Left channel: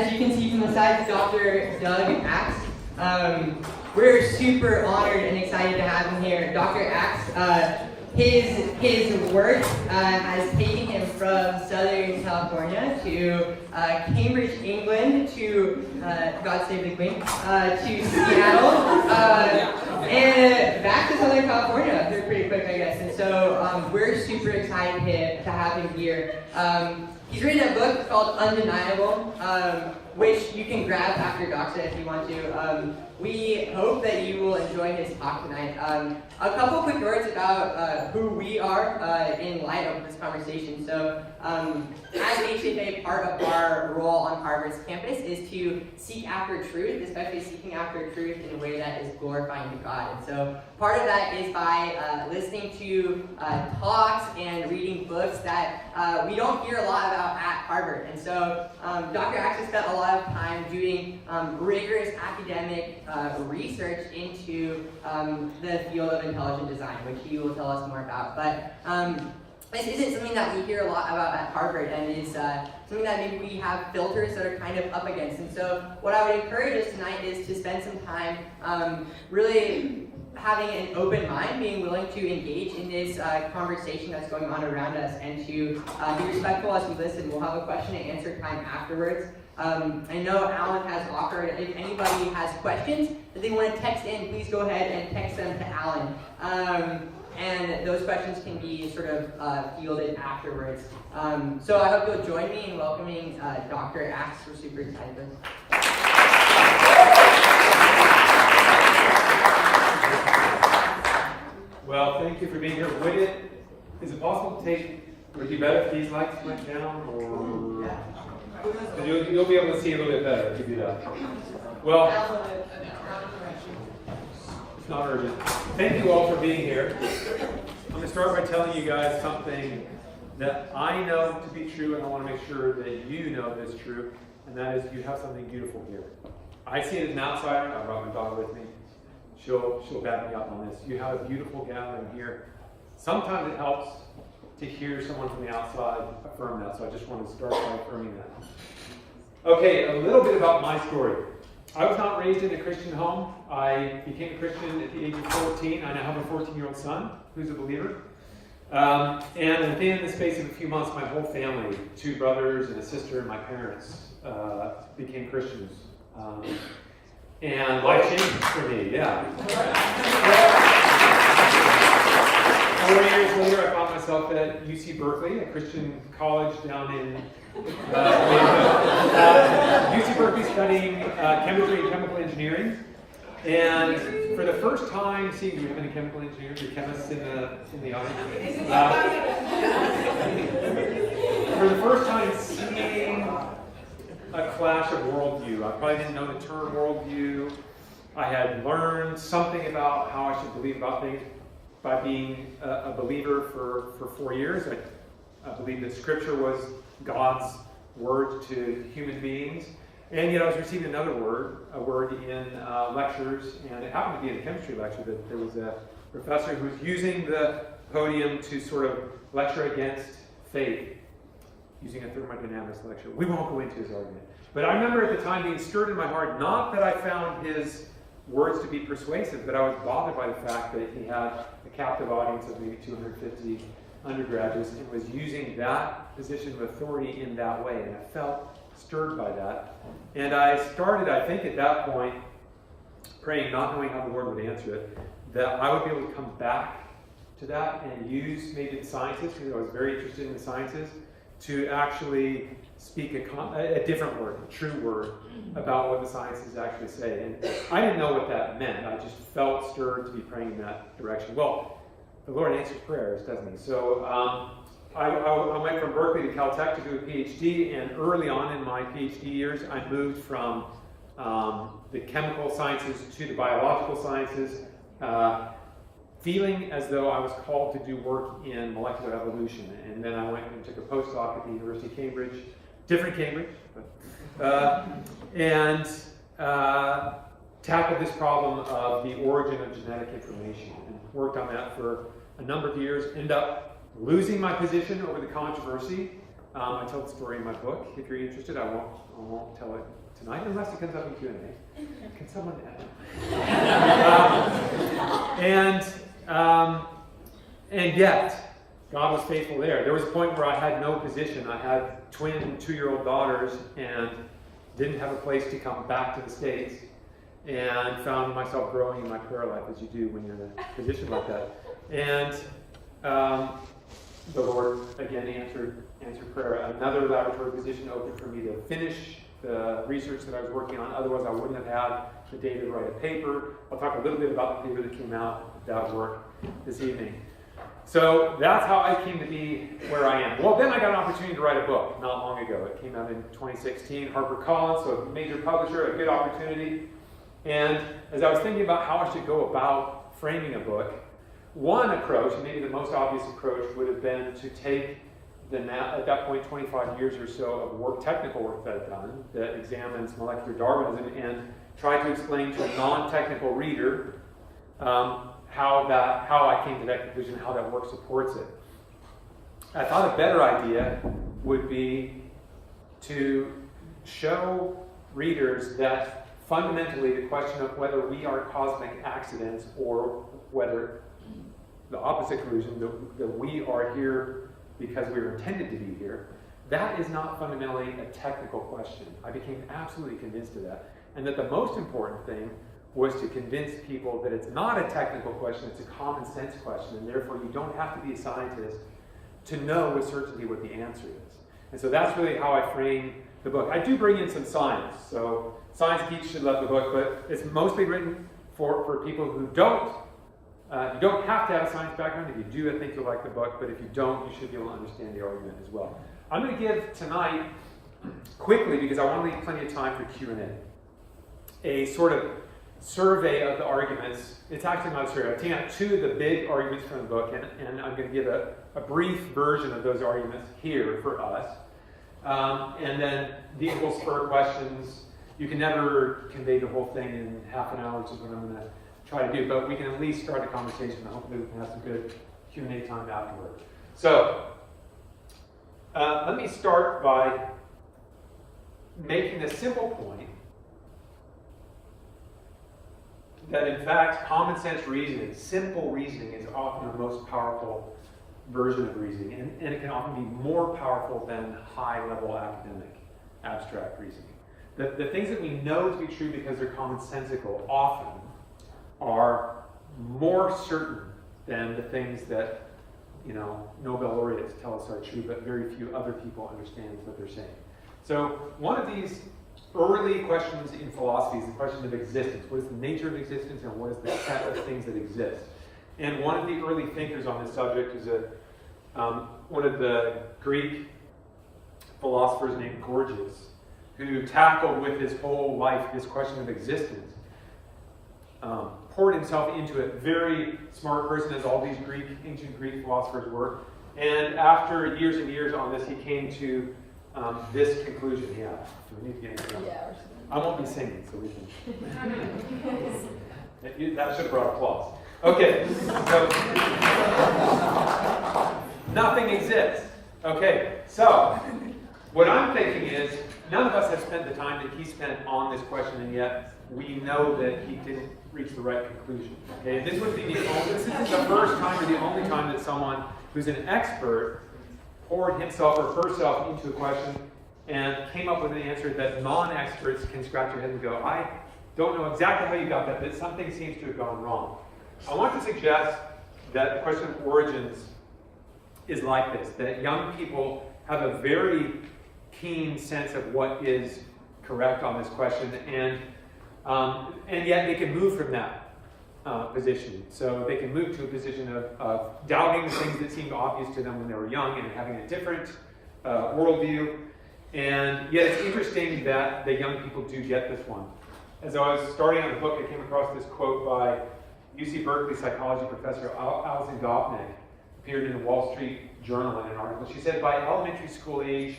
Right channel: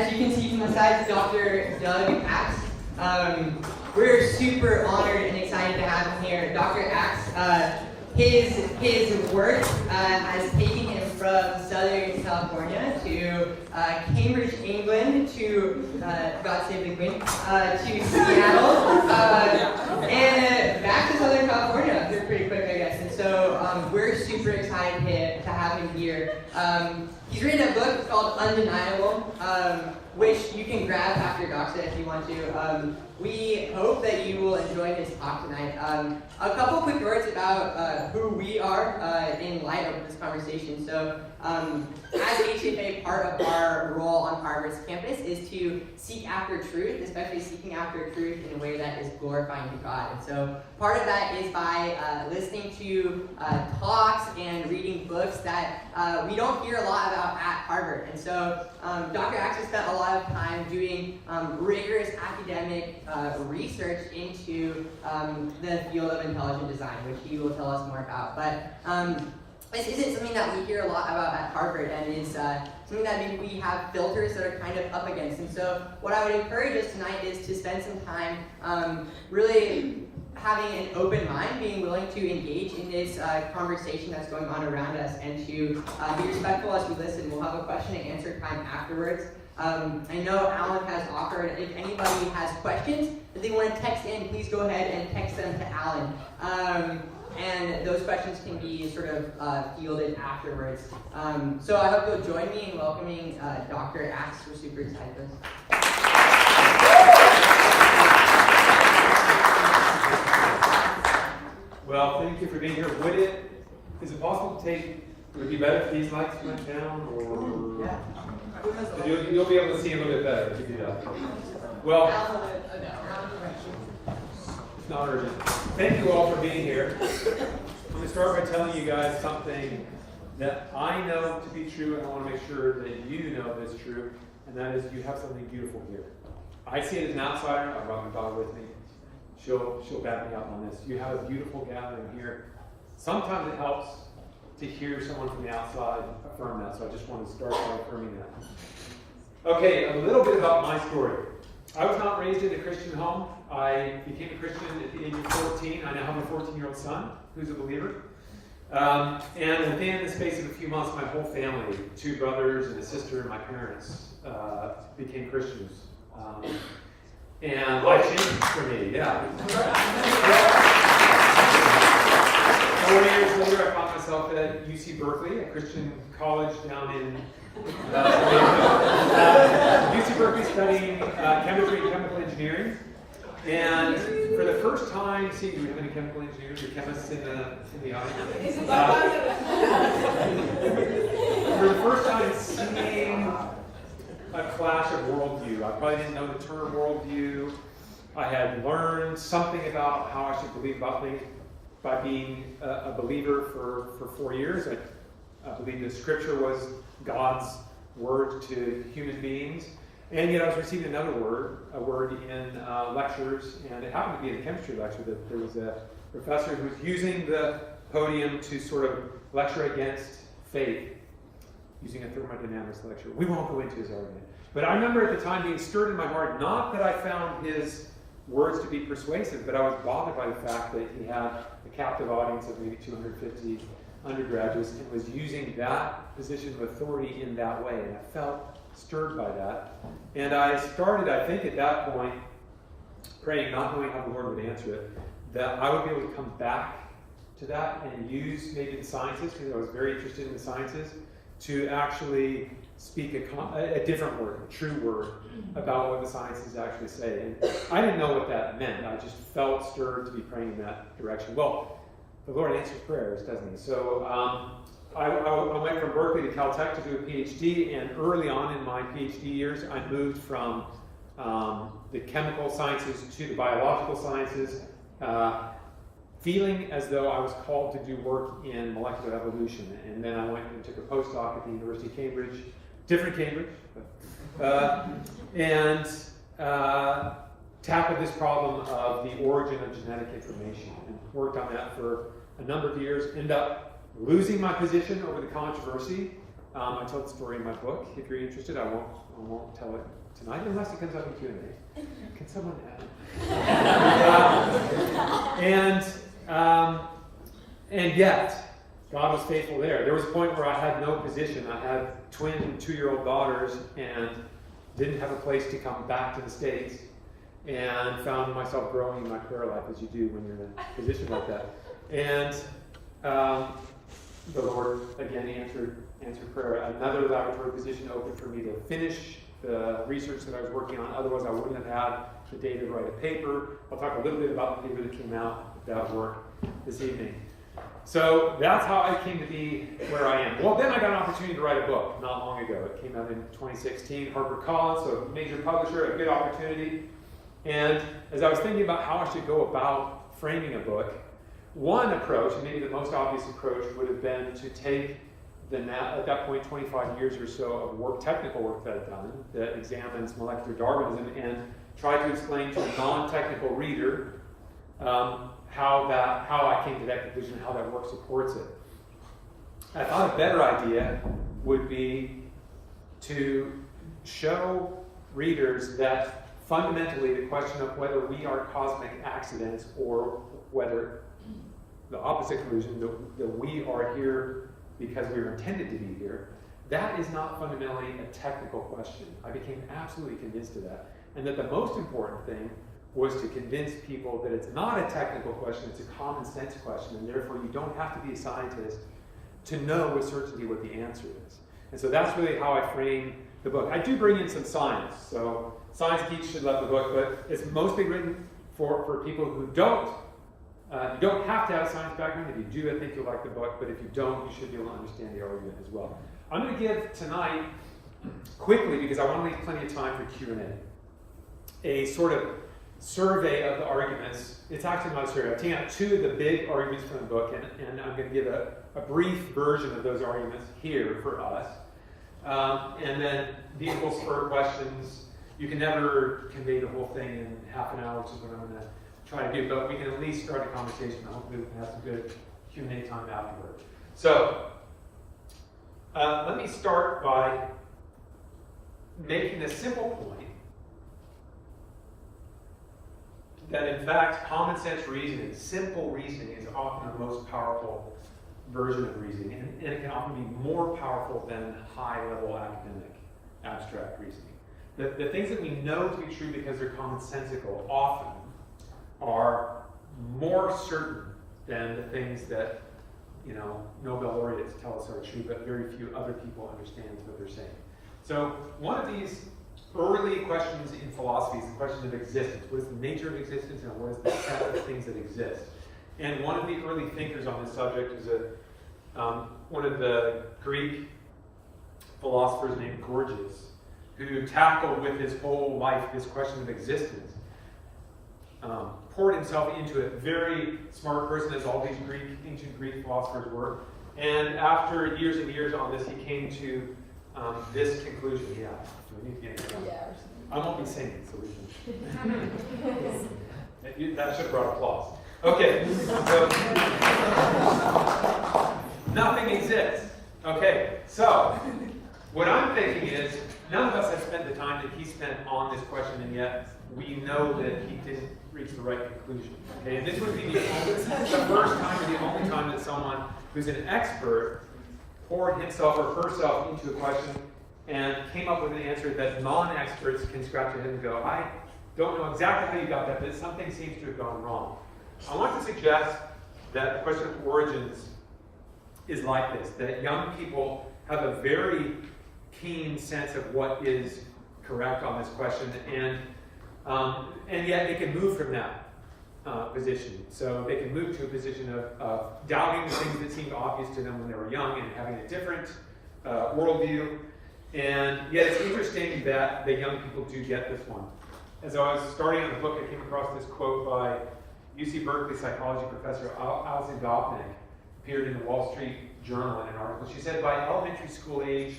as you can see from the side, Dr. Doug Axe. We're super honored and excited to have him here. Dr. Axe, his work has taken him from Southern California to Cambridge, England, to God save the Queen, to Seattle, and back to Southern California. They're pretty quick, I guess. And so we're super excited to have him here. He's written a book called Undeniable, which you can grab after DOXA if you want to. We hope that you will enjoy his talk tonight. A couple quick words about who we are in light of this conversation. So, as HFA, part of our role on Harvard's campus is to seek after truth, especially seeking after truth in a way that is glorifying to God. And so, part of that is by listening to talks and reading books that we don't hear a lot about at Harvard. And so, Dr. Axe has spent a lot of time doing rigorous academic research into the field of intelligent design, which he will tell us more about. But this isn't something that we hear a lot about at Harvard, and is something that maybe we have filters that are kind of up against. And so what I would encourage us tonight is to spend some time really having an open mind, being willing to engage in this conversation that's going on around us, and to be respectful as we listen. We'll have a question and answer time afterwards. I know Alan has offered, if anybody has questions that they want to text in, please go ahead and text them to Alan. And those questions can be sort of fielded afterwards. So I hope you'll join me in welcoming Dr. Axe. We're super excited for this. Well, thank you for being here. Is it possible would it be better if these lights went down, or? Yeah. You'll be able to see a little bit better if you do that. Well, it's not urgent. Thank you all for being here. I'm going to start by telling you guys something that I know to be true, and I want to make sure that you know is true, and that is you have something beautiful here. I see it as an outsider. I brought my daughter with me. She'll back me up on this. You have a beautiful gathering here. Sometimes it helps to hear someone from the outside affirm that, so I just want to start by affirming that. Okay, a little bit about my story. I was not raised in a Christian home. I became a Christian at the age of 14. I now have a 14-year-old son who's a believer. And within the space of a few months, my whole family, 2 brothers and a sister and my parents, became Christians. And life changed for me, yeah. 4 years later, I found myself at UC Berkeley, a Christian college down in UC Berkeley, studying chemistry and chemical engineering. And for the first time, do we have any chemical engineers or chemists in the audience? For the first time, seeing a clash of worldview. I probably didn't know the term worldview. I had learned something about how I should believe about things by being a believer for 4 years. I believed that Scripture was God's word to human beings. And yet I was receiving another word, a word in lectures, and it happened to be in a chemistry lecture that there was a professor who was using the podium to sort of lecture against faith, using a thermodynamics lecture. We won't go into his argument. But I remember at the time being stirred in my heart, not that I found his words to be persuasive, but I was bothered by the fact that he had a captive audience of maybe 250 undergraduates and was using that position of authority in that way. And I felt stirred by that. And I started, I think at that point, praying, not knowing how the Lord would answer it, that I would be able to come back to that and use maybe the sciences, because I was very interested in the sciences, to actually speak a different word, a true word, about what the sciences actually say. And I didn't know what that meant. I just felt stirred to be praying in that direction. Well, the Lord answers prayers, doesn't he? So I went from Berkeley to Caltech to do a PhD, and early on in my PhD years, I moved from the chemical sciences to the biological sciences, feeling as though I was called to do work in molecular evolution. And then I went and took a postdoc at the University of Cambridge, different Cambridge, and tackled this problem of the origin of genetic information, and worked on that for a number of years. Ended up losing my position over the controversy. I tell the story in my book. If you're interested, I won't won't tell it tonight unless it comes up in Q&A. Can someone add? And yet, God was faithful there. There was a point where I had no position. I had twin 2-year-old daughters and didn't have a place to come back to the States, and found myself growing in my prayer life, as you do when you're in a position like that. And the Lord again answered prayer. Another laboratory position opened for me to finish the research that I was working on. Otherwise, I wouldn't have had the data to write a paper. I'll talk a little bit about the paper that came out of that work this evening. So that's how I came to be where I am. Well, then I got an opportunity to write a book not long ago. It came out in 2016, HarperCollins, so a major publisher, a good opportunity. And as I was thinking about how I should go about framing a book, one approach, and maybe the most obvious approach, would have been to take at that point 25 years or so of work, technical work that I'd done that examines molecular Darwinism, and try to explain to a non-technical reader how I came to that conclusion, how that work supports it. I thought a better idea would be to show readers that fundamentally the question of whether we are cosmic accidents or whether the opposite conclusion, that we are here because we were intended to be here, that is not fundamentally a technical question. I became absolutely convinced of that. And that the most important thing was to convince people that it's not a technical question, it's a common sense question, and therefore you don't have to be a scientist to know with certainty what the answer is. And so that's really how I frame the book. I do bring in some science, so science geeks should love the book, but it's mostly written for people who don't. You don't have to have a science background. If you do, I think you'll like the book, but if you don't, you should be able to understand the argument as well. I'm going to give tonight, quickly, because I want to leave plenty of time for Q&A, a sort of survey of the arguments. It's actually not a survey. I'm taking out 2 of the big arguments from the book, and I'm going to give a brief version of those arguments here for us. And then these will spur questions. You can never convey the whole thing in half an hour, which is what I'm going to try to do, but we can at least start a conversation, and hopefully we can have some good Q&A time afterward. So, let me start by making a simple point that in fact common sense reasoning, simple reasoning, is often the most powerful version of reasoning, and it can often be more powerful than high-level academic abstract reasoning. The things that we know to be true because they're commonsensical often are more certain than the things that, Nobel laureates tell us are true, but very few other people understand what they're saying. So one of these early questions in philosophy is the question of existence. What is the nature of existence, and what is the set of things that exist? And one of the early thinkers on this subject is one of the Greek philosophers named Gorgias, who tackled with his whole life this question of existence. Poured himself into it. Very smart person, as all these ancient Greek philosophers were. And after years and years on this, he came to this conclusion. I won't be singing, so we can. That should have brought applause. Okay, so nothing exists. Okay, so what I'm thinking is, none of us have spent the time that he spent on this question, and yet we know that he didn't reach the right conclusion. Okay, and this would be the first time or the only time that someone who's an expert poured himself or herself into a question and came up with an answer that non-experts can scratch their head and go, I don't know exactly how you got that, but something seems to have gone wrong. I want to suggest that the question of origins is like this, that young people have a very keen sense of what is correct on this question, and yet they can move from that position. So they can move to a position of doubting the things that seemed obvious to them when they were young and having a different worldview. And yet it's interesting that the young people do get this one. As I was starting on the book, I came across this quote by UC Berkeley psychology professor Alison Gopnik, appeared in the Wall Street Journal in an article. She said, by elementary school age,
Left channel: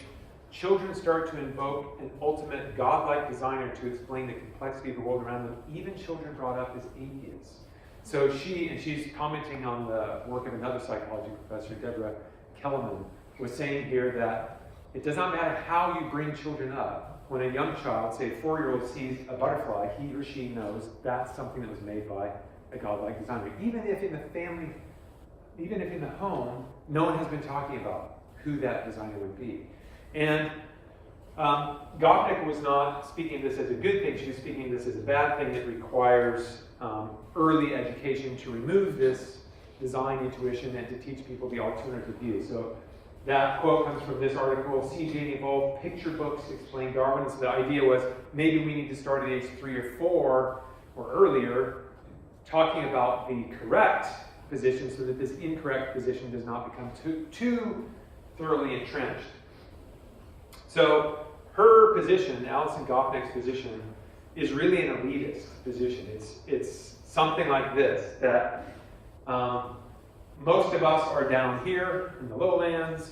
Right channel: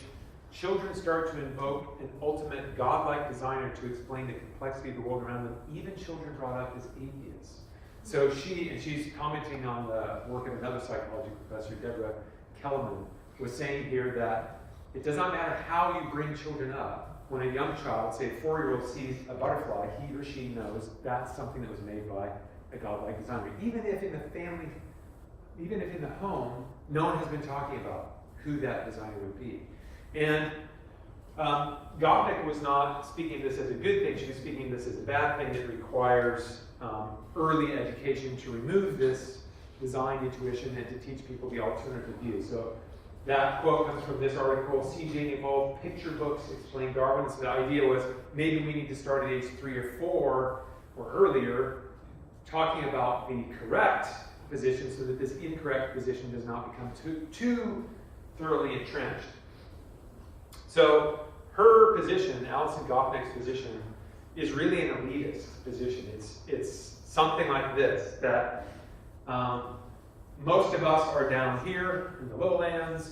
children start to invoke an ultimate godlike desire to explain the complexity of the world around them, even children brought up as atheists. So she's commenting on the work of another psychology professor, Deborah Kellerman, was saying here that it does not matter how you bring children up, when a young child, say a 4-year-old, sees a butterfly, he or she knows that's something that was made by a godlike designer. Even if in the family, even if in the home, no one has been talking about who that designer would be. And Gopnik was not speaking this as a good thing. She was speaking this as a bad thing that requires early education to remove this design intuition and to teach people the alternative view. So that quote comes from this article, C.J. Evolved Picture Books Explain Darwin. So the idea was maybe we need to start at age 3 or 4 or earlier talking about the correct position so that this incorrect position does not become too thoroughly entrenched. So her position, Alison Gopnik's position, is really an elitist position. It's something like this, that most of us are down here in the lowlands,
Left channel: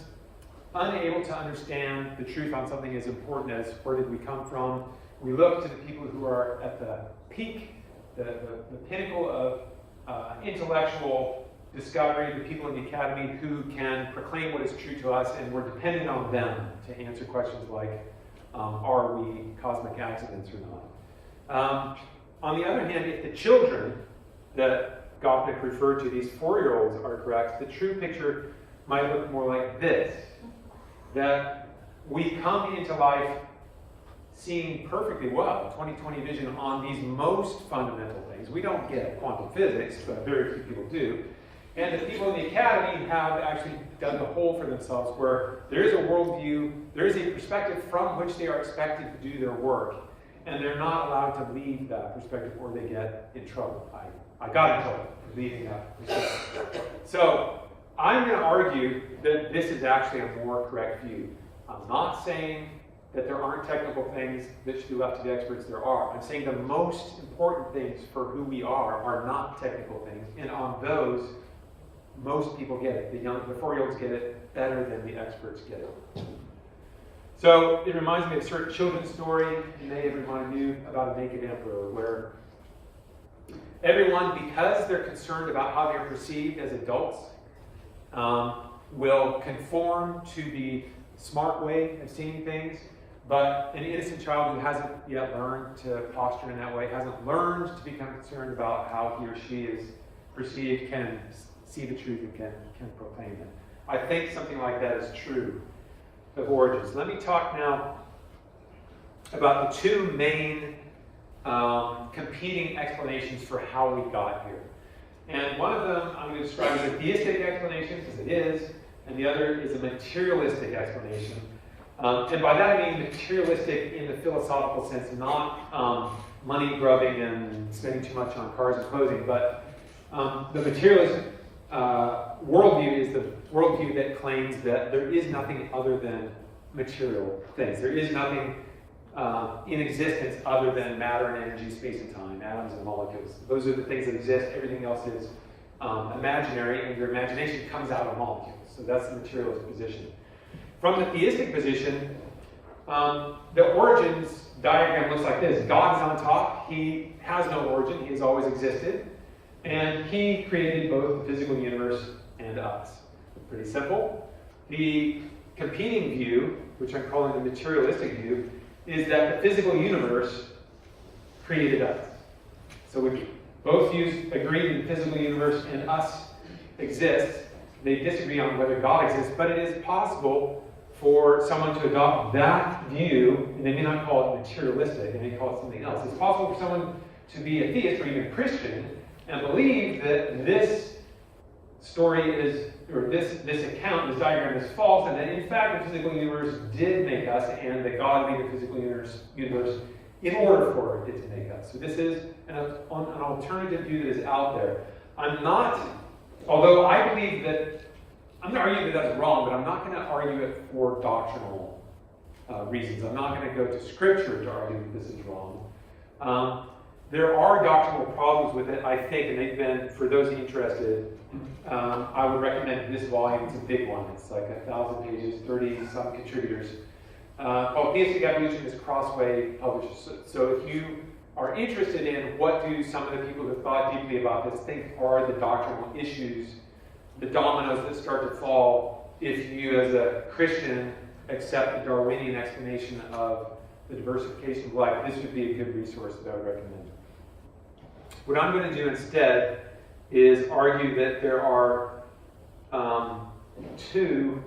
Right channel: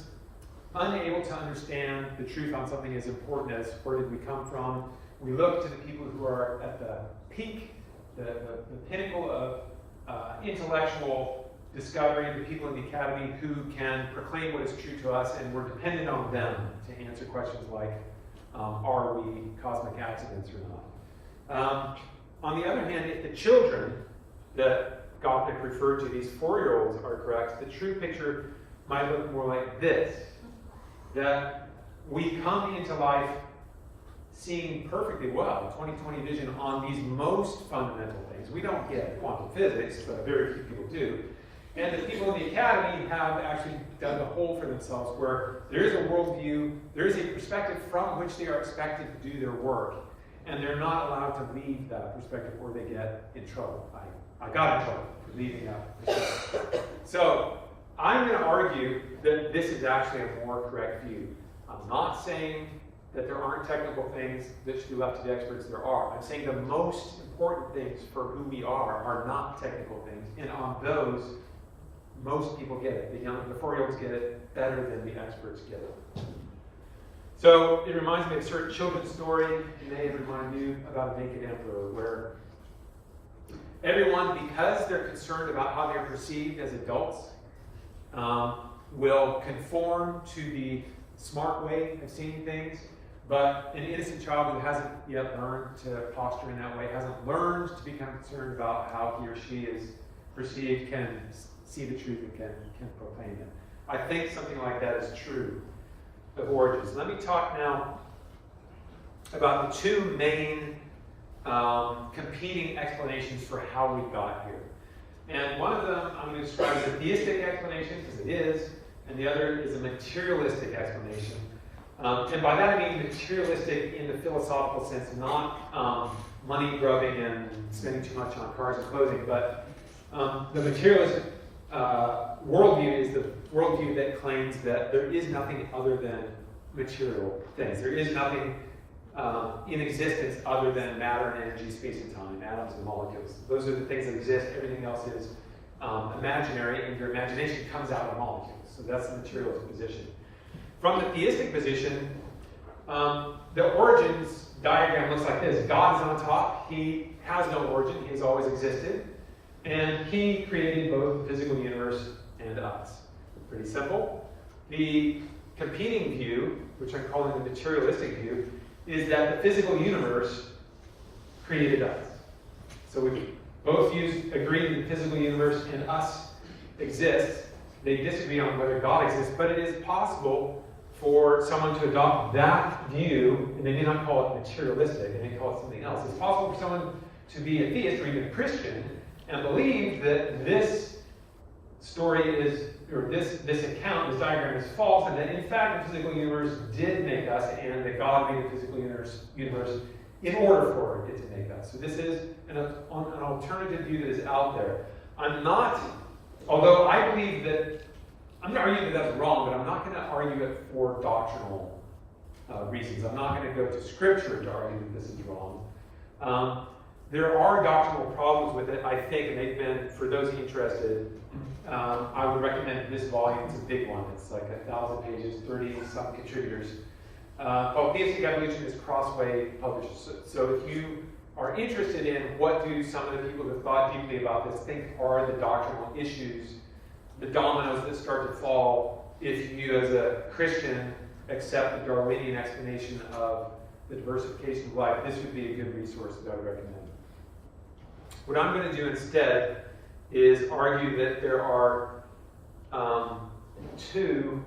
unable to understand the truth on something as important as where did we come from. We look to the people who are at the peak, the pinnacle of intellectual discovery, the people in the academy who can proclaim what is true to us, and we're dependent on them to answer questions like, are we cosmic accidents or not? On the other hand, if the children that Gopnik referred to, these 4-year-olds, are correct, the true picture might look more like this, that we come into life seeing perfectly well, 20/20 vision on these most fundamental things. We don't get quantum physics, but very few people do. And the people in the academy have actually dug a hole for themselves where there is a worldview, there is a perspective from which they are expected to do their work, and they're not allowed to leave that perspective or they get in trouble. I got in trouble for leaving that perspective. So I'm going to argue that this is actually a more correct view. I'm not saying that there aren't technical things that should be left to the experts. There are. I'm saying the most important things for who we are not technical things, and on those, most people get it. The 4-year-olds get it better than the experts get it. So it reminds me of a certain children's story you may have reminded you about a naked emperor, where everyone, because they're concerned about how they're perceived as adults, will conform to the smart way of seeing things, but an innocent child who hasn't yet learned to posture in that way, hasn't learned to become concerned about how he or she is perceived, can see the truth and can proclaim it. I think something like that is true of origins. Let me talk now about the two main competing explanations for how we got here. And one of them I'm going to describe as a theistic explanation, because it is, and the other is a materialistic explanation. And by that I mean materialistic in the philosophical sense, not money grubbing and spending too much on cars and clothing, but the materialist worldview is the worldview that claims that there is nothing other than material things. There is nothing in existence other than matter and energy, space and time, atoms and molecules. Those are the things that exist. Everything else is imaginary, and your imagination comes out of molecules. So that's the materialist position. From the theistic position, the origins diagram looks like this. God is on top. He has no origin. He has always existed. And he created both the physical universe and us. Pretty simple. The competing view, which I'm calling the materialistic view, is that the physical universe created us. So we both views agree that the physical universe and us exist. They disagree on whether God exists, but it is possible for someone to adopt that view, and they may not call it materialistic, they may call it something else. It's possible for someone to be a theist or even a Christian and believe that this story is, or this account, this diagram is false, and that in fact the physical universe did make us, and that God made the physical universe in order for it to make us. So this is an alternative view that is out there. Although I believe that, I'm going to argue that that's wrong, but I'm not going to argue it for doctrinal reasons. I'm not going to go to Scripture to argue that this is wrong. There are doctrinal problems with it, I think, and they've been, for those interested, I would recommend this volume. It's a big one. It's like 1,000 pages, 30-some contributors. Called Theistic Evolution is Crossway published. So if you are interested in what do some of the people who have thought deeply about this think are the doctrinal issues, the dominoes that start to fall if you, as a Christian, accept the Darwinian explanation of the diversification of life, this would be a good resource that I would recommend. What I'm going to do instead is argue that there are two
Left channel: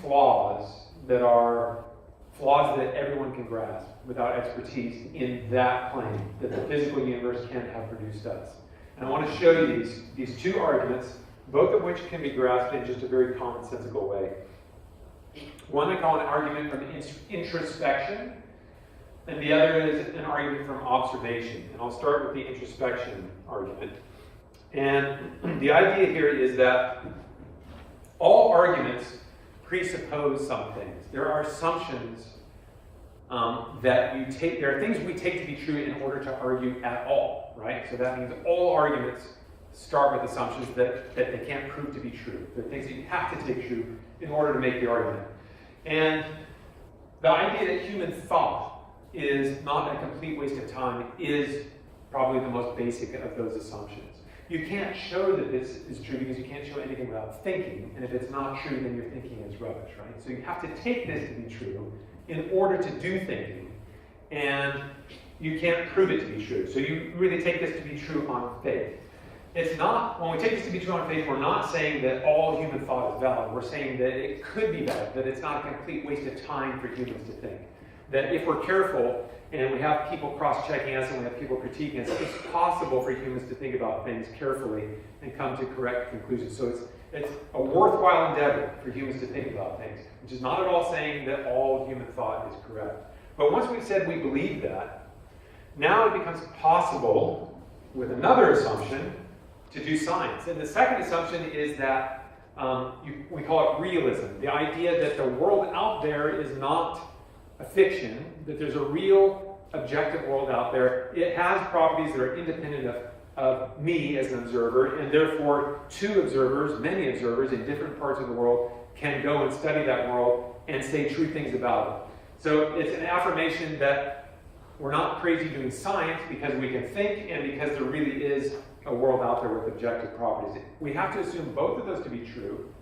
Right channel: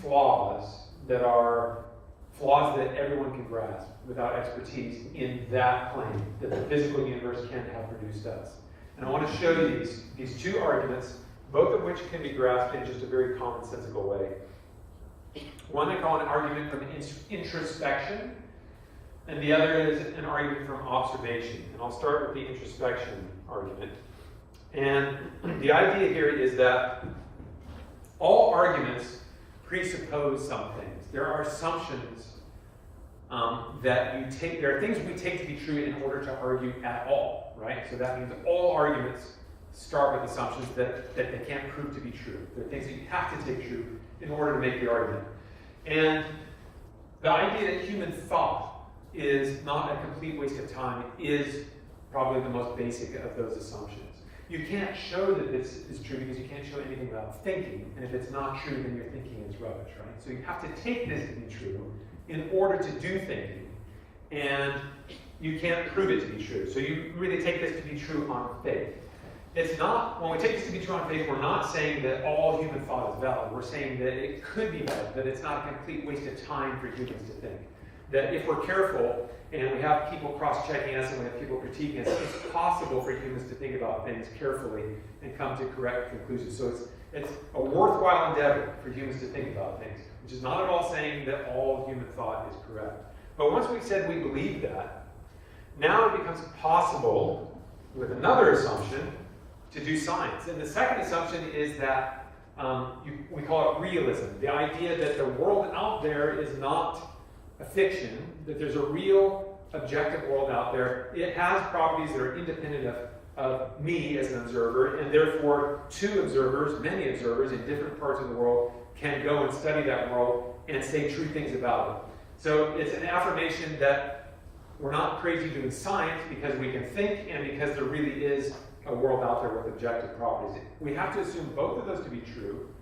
flaws that are flaws that everyone can grasp without expertise in that plane that the physical universe can't have produced us. And I want to show you these two arguments, both of which can be grasped in just a very commonsensical way. One I call an argument from introspection, and the other is an argument from observation. And I'll start with the introspection argument. And the idea here is that all arguments presuppose some things. There are assumptions that you take, there are things we take to be true in order to argue at all, right? So that means all arguments start with assumptions that they can't prove to be true. They're things that you have to take true in order to make the argument. And the idea that human thought is not a complete waste of time is probably the most basic of those assumptions. You can't show that this is true because you can't show anything without thinking, and if it's not true, then your thinking is rubbish, right? So you have to take this to be true in order to do thinking, and you can't prove it to be true. So you really take this to be true on faith. It's not, when we take this to be true on faith, we're not saying that all human thought is valid. We're saying that it could be valid, but it's not a complete waste of time for humans to think. That if we're careful, and we have people cross-checking us and we have people critiquing us, it's possible for humans to think about things carefully and come to correct conclusions. So it's a worthwhile endeavor for humans to think about things, which is not at all saying that all human thought is correct. But once we've said we believe that, now it becomes possible, with another assumption, to do science. And the second assumption is that we call it realism. The idea that the world out there is not a fiction, that there's a real objective world out there. It has properties that are independent of me as an observer, and therefore two observers, many observers in different parts of the world can go and study that world and say true things about it. So it's an affirmation that we're not crazy doing science because we can think and because there really is a world out there with objective properties. We have to assume both of those to be true,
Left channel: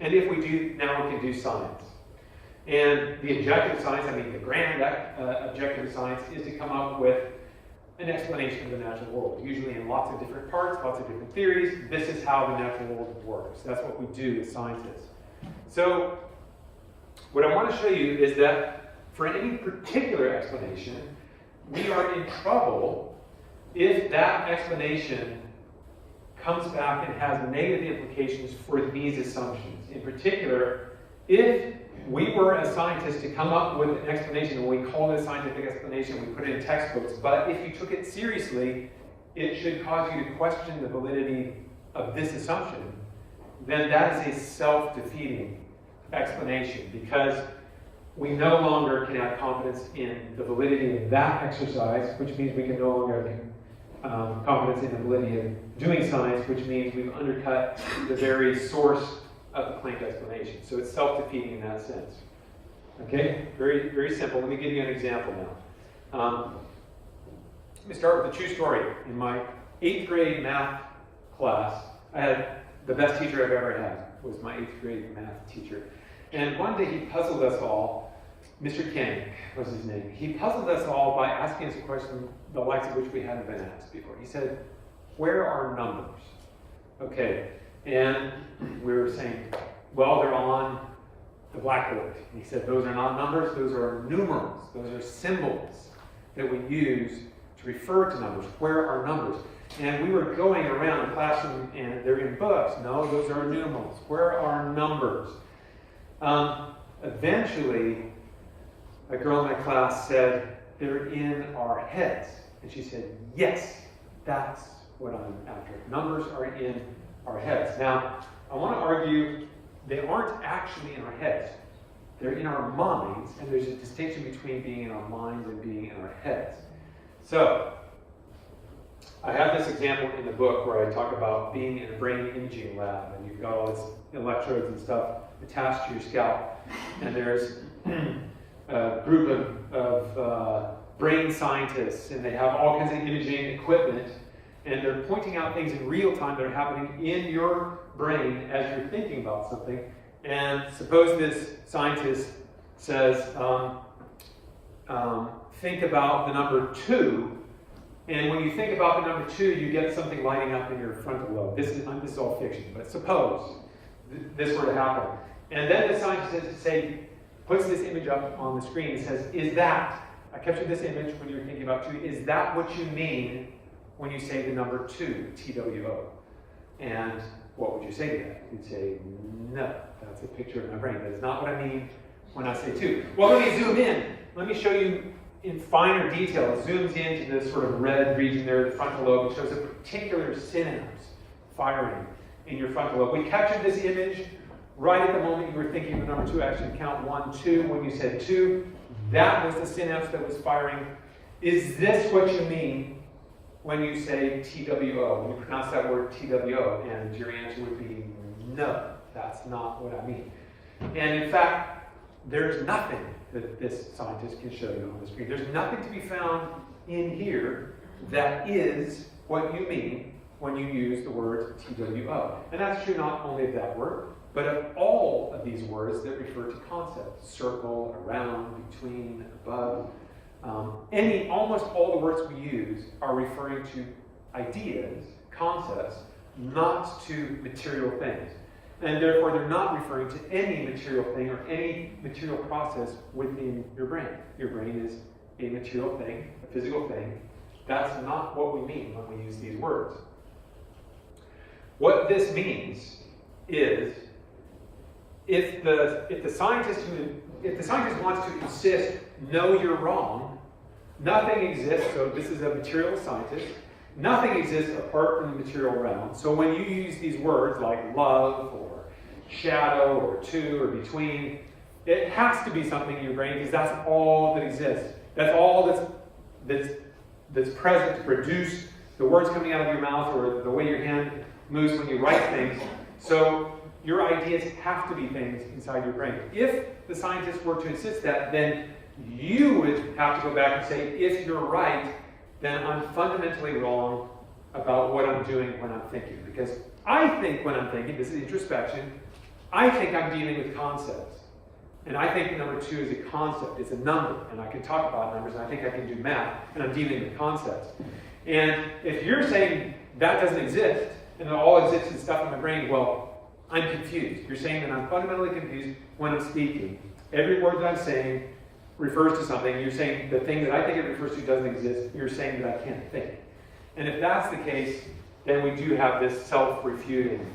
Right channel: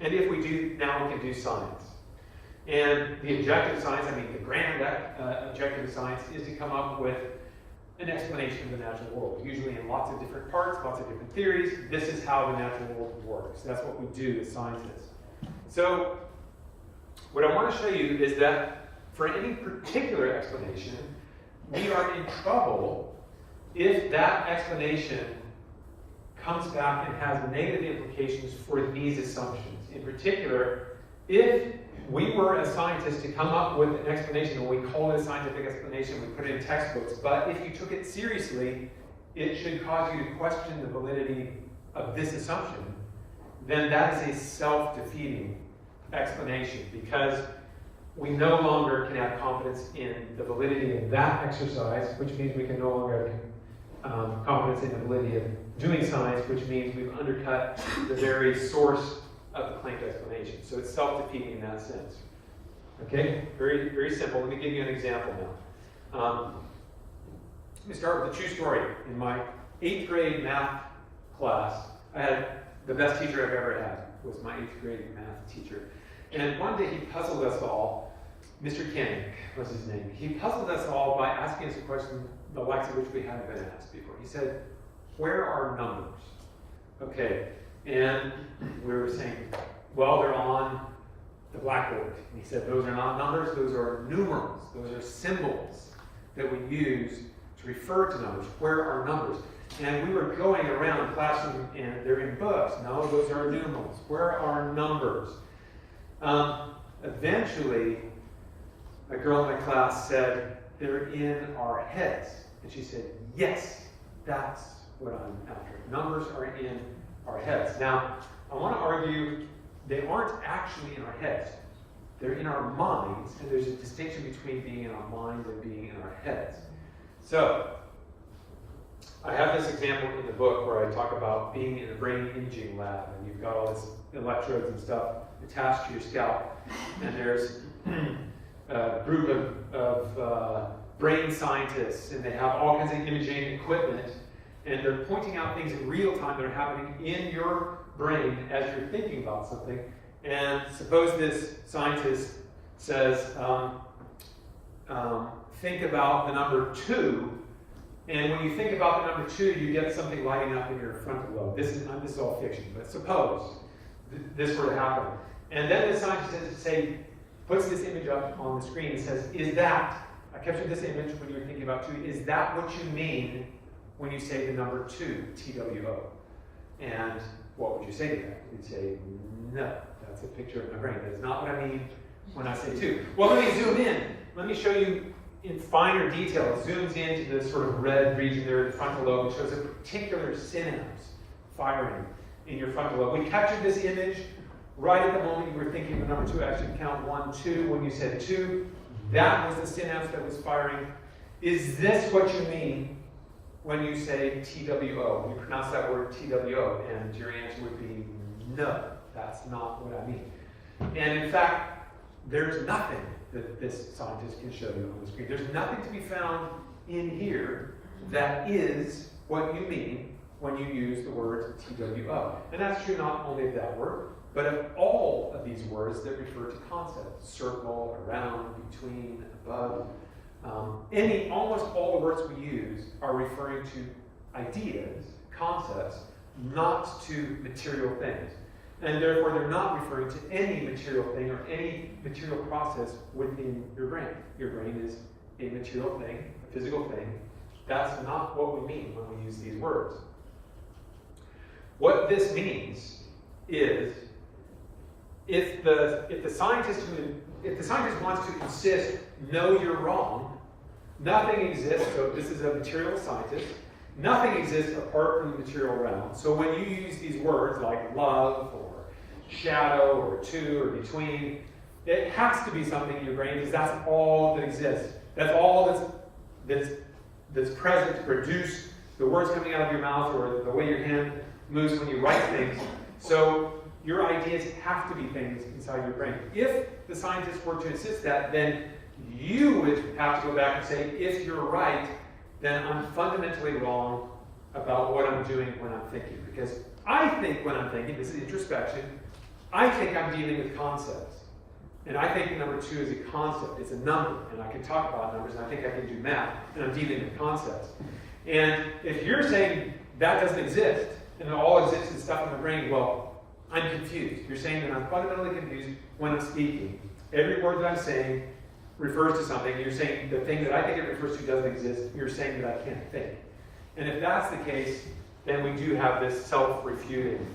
and if we do, now we can do science. And the objective science, I mean the grand objective science, is to come up with an explanation of the natural world, usually in lots of different parts, lots of different theories. This is how the natural world works. That's what we do as scientists. So what I want to show you is that for any particular explanation, we are in trouble if that explanation comes back and has negative implications for these assumptions. In particular, if we were as scientists to come up with an explanation, and we call it a scientific explanation, we put it in textbooks, but if you took it seriously, it should cause you to question the validity of this assumption, then that is a self-defeating explanation, because we no longer can have confidence in the validity of that exercise, which means we can no longer have confidence in the validity of doing science, which means we've undercut the very source of the claimed explanation. So it's self-defeating in that sense. Okay? Very, very simple. Let me give you an example now. Let me start with a true story. In my 8th grade math class, I had the best teacher I've ever had, was my 8th grade math teacher. And one day he puzzled us all. Mr. King was his name. He puzzled us all by asking us a question the likes of which we hadn't been asked before. He said, "Where are numbers?" Okay. And we were saying, well, they're on the blackboard. And he said, those are not numbers, those are numerals. Those are symbols that we use to refer to numbers. Where are numbers? And we were going around the classroom, and they're in books. No, those are numerals. Where are numbers? Eventually, a girl in my class said, they're in our heads. And she said, yes, that's what I'm after. Numbers are in our heads. Now, I want to argue they aren't actually in our heads. They're in our minds, and there's a distinction between being in our minds and being in our heads. So, I have this example in the book where I talk about being in a brain imaging lab, and you've got all this electrodes and stuff attached to your scalp, and there's a group of brain scientists, and they have all kinds of imaging equipment, and they're pointing out things in real time that are happening in your brain as you're thinking about something. And suppose this scientist says, think about the number 2. And when you think about the number 2, you get something lighting up in your frontal lobe. This is all fiction, but suppose this were to happen. And then the scientist puts this image up on the screen and says, I captured this image when you're thinking about 2, is that what you mean when you say the number 2, TWO? And what would you say to that? You'd say, no, that's a picture of my brain. That is not what I mean when I say 2. Well, let me zoom in. Let me show you in finer detail. It zooms into this sort of red region there, the frontal lobe. It shows a particular synapse firing in your frontal lobe. We captured this image right at the moment you were thinking of number 2. Actually, count 1, 2. When you said 2, that was the synapse that was firing. Is this what you mean when you say TWO? We pronounce that word TWO, and your answer would be no, that's not what I mean. And in fact, there's nothing that this scientist can show you on the screen. There's nothing to be found in here that is what you mean when you use the word TWO. And that's true not only of that word, but of all of these words that refer to concepts: circle, around, between, above. Almost all the words we use are referring to ideas, concepts, not to material things. And therefore, they're not referring to any material thing or any material process within your brain. Your brain is a material thing, a physical thing. That's not what we mean when we use these words. What this means is, if the scientist wants to insist, no, you're wrong, nothing exists. So this is a material scientist. Nothing exists apart from the material realm. So when you use these words like love or shadow or 2 or between, it has to be something in your brain, because that's all that exists. That's all that's present to produce the words coming out of your mouth or the way your hand moves when you write things. So your ideas have to be things inside your brain. If the scientists were to insist that, then you would have to go back and say, if you're right, then I'm fundamentally wrong about what I'm doing when I'm thinking. Because I think when I'm thinking, this is introspection, I think I'm dealing with concepts. And I think the number 2 is a concept, it's a number, and I can talk about numbers, and I think I can do math, and I'm dealing with concepts. And if you're saying that doesn't exist, and it all exists is stuff in my brain, well, I'm confused. You're saying that I'm fundamentally confused when I'm speaking. Every word that I'm saying refers to something. You're saying the thing that I think it refers to doesn't exist. You're saying that I can't think. And if that's the case, then we do have this self-refuting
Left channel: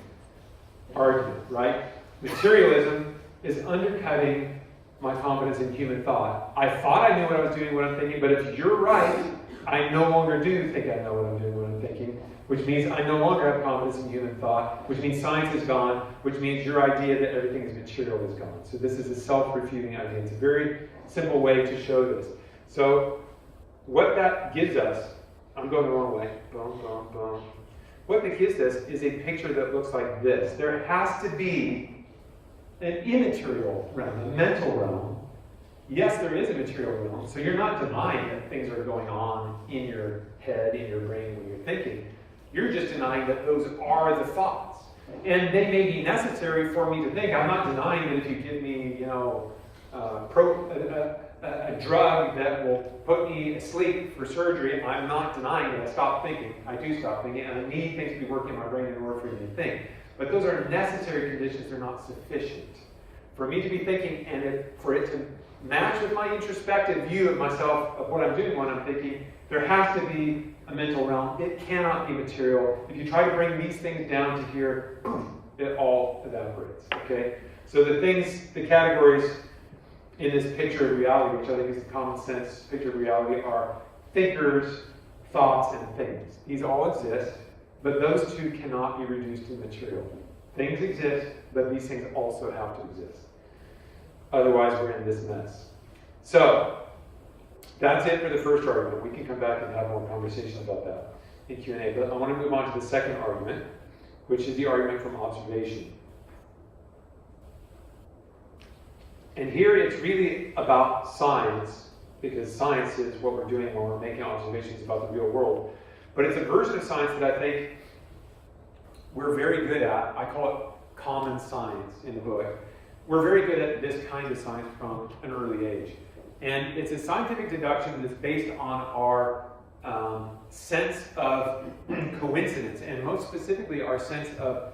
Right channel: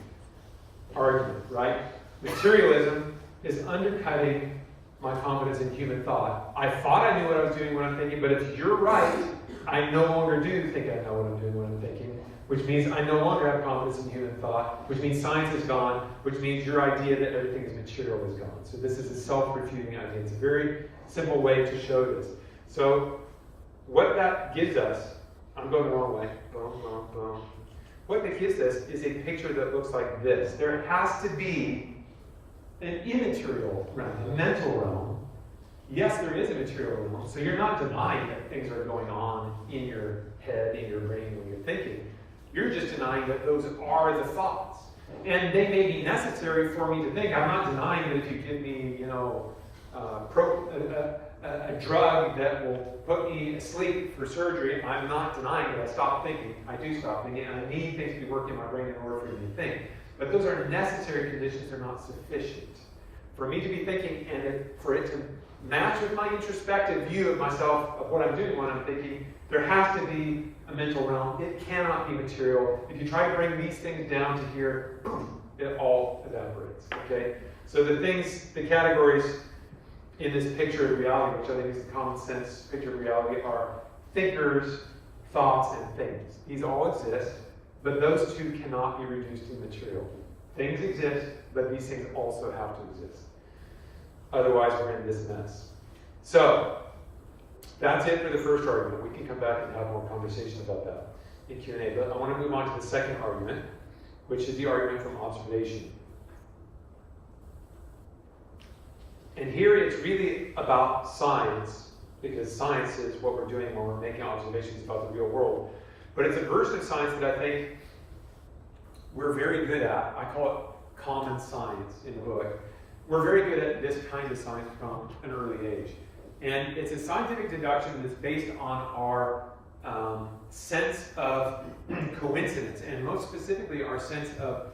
argument, right? Materialism is undercutting my confidence in human thought. I thought I knew what I was doing, what I'm thinking, but if you're right, I no longer do think I know what I'm doing, what I'm thinking, which means I no longer have confidence in human thought, which means science is gone, which means your idea that everything is material is gone. So this is a self-refuting idea. It's a very simple way to show this. So what that gives us, I'm going the wrong way, boom, boom, boom. What that gives us is a picture that looks like this. There has to be an immaterial realm, a mental realm. Yes, there is a material realm, so you're not denying that things are going on in your head, in your brain when you're thinking. You're just denying that those are the thoughts. And they may be necessary for me to think. I'm not denying that if you give me, a drug that will put me asleep for surgery, I'm not denying that I stop thinking. I do stop thinking, and I need things to be working in my brain in order for me to think. But those are necessary conditions, they're not sufficient. For me to be thinking, and for it to match with my introspective view of myself, of what I'm doing when I'm thinking, there has to be a mental realm. It cannot be material. If you try to bring these things down to here, boom, it all evaporates, okay? So the categories in this picture of reality, which I think is the common sense picture of reality, are thinkers, thoughts, and things. These all exist, but those two cannot be reduced to material. Things exist, but these things also have to exist. Otherwise, we're in this mess. So, that's it for the first argument. We can come back and have more conversation about that in Q&A. But I want to move on to the second argument, which is the argument from observation. And here it's really about science, because science is what we're doing when we're making observations about the real world. But it's a version of science that I think we're very good at. I call it common science in the book. we're very good at this kind of science from an early age. And it's a scientific deduction that's based on our sense of coincidence, and most specifically our sense of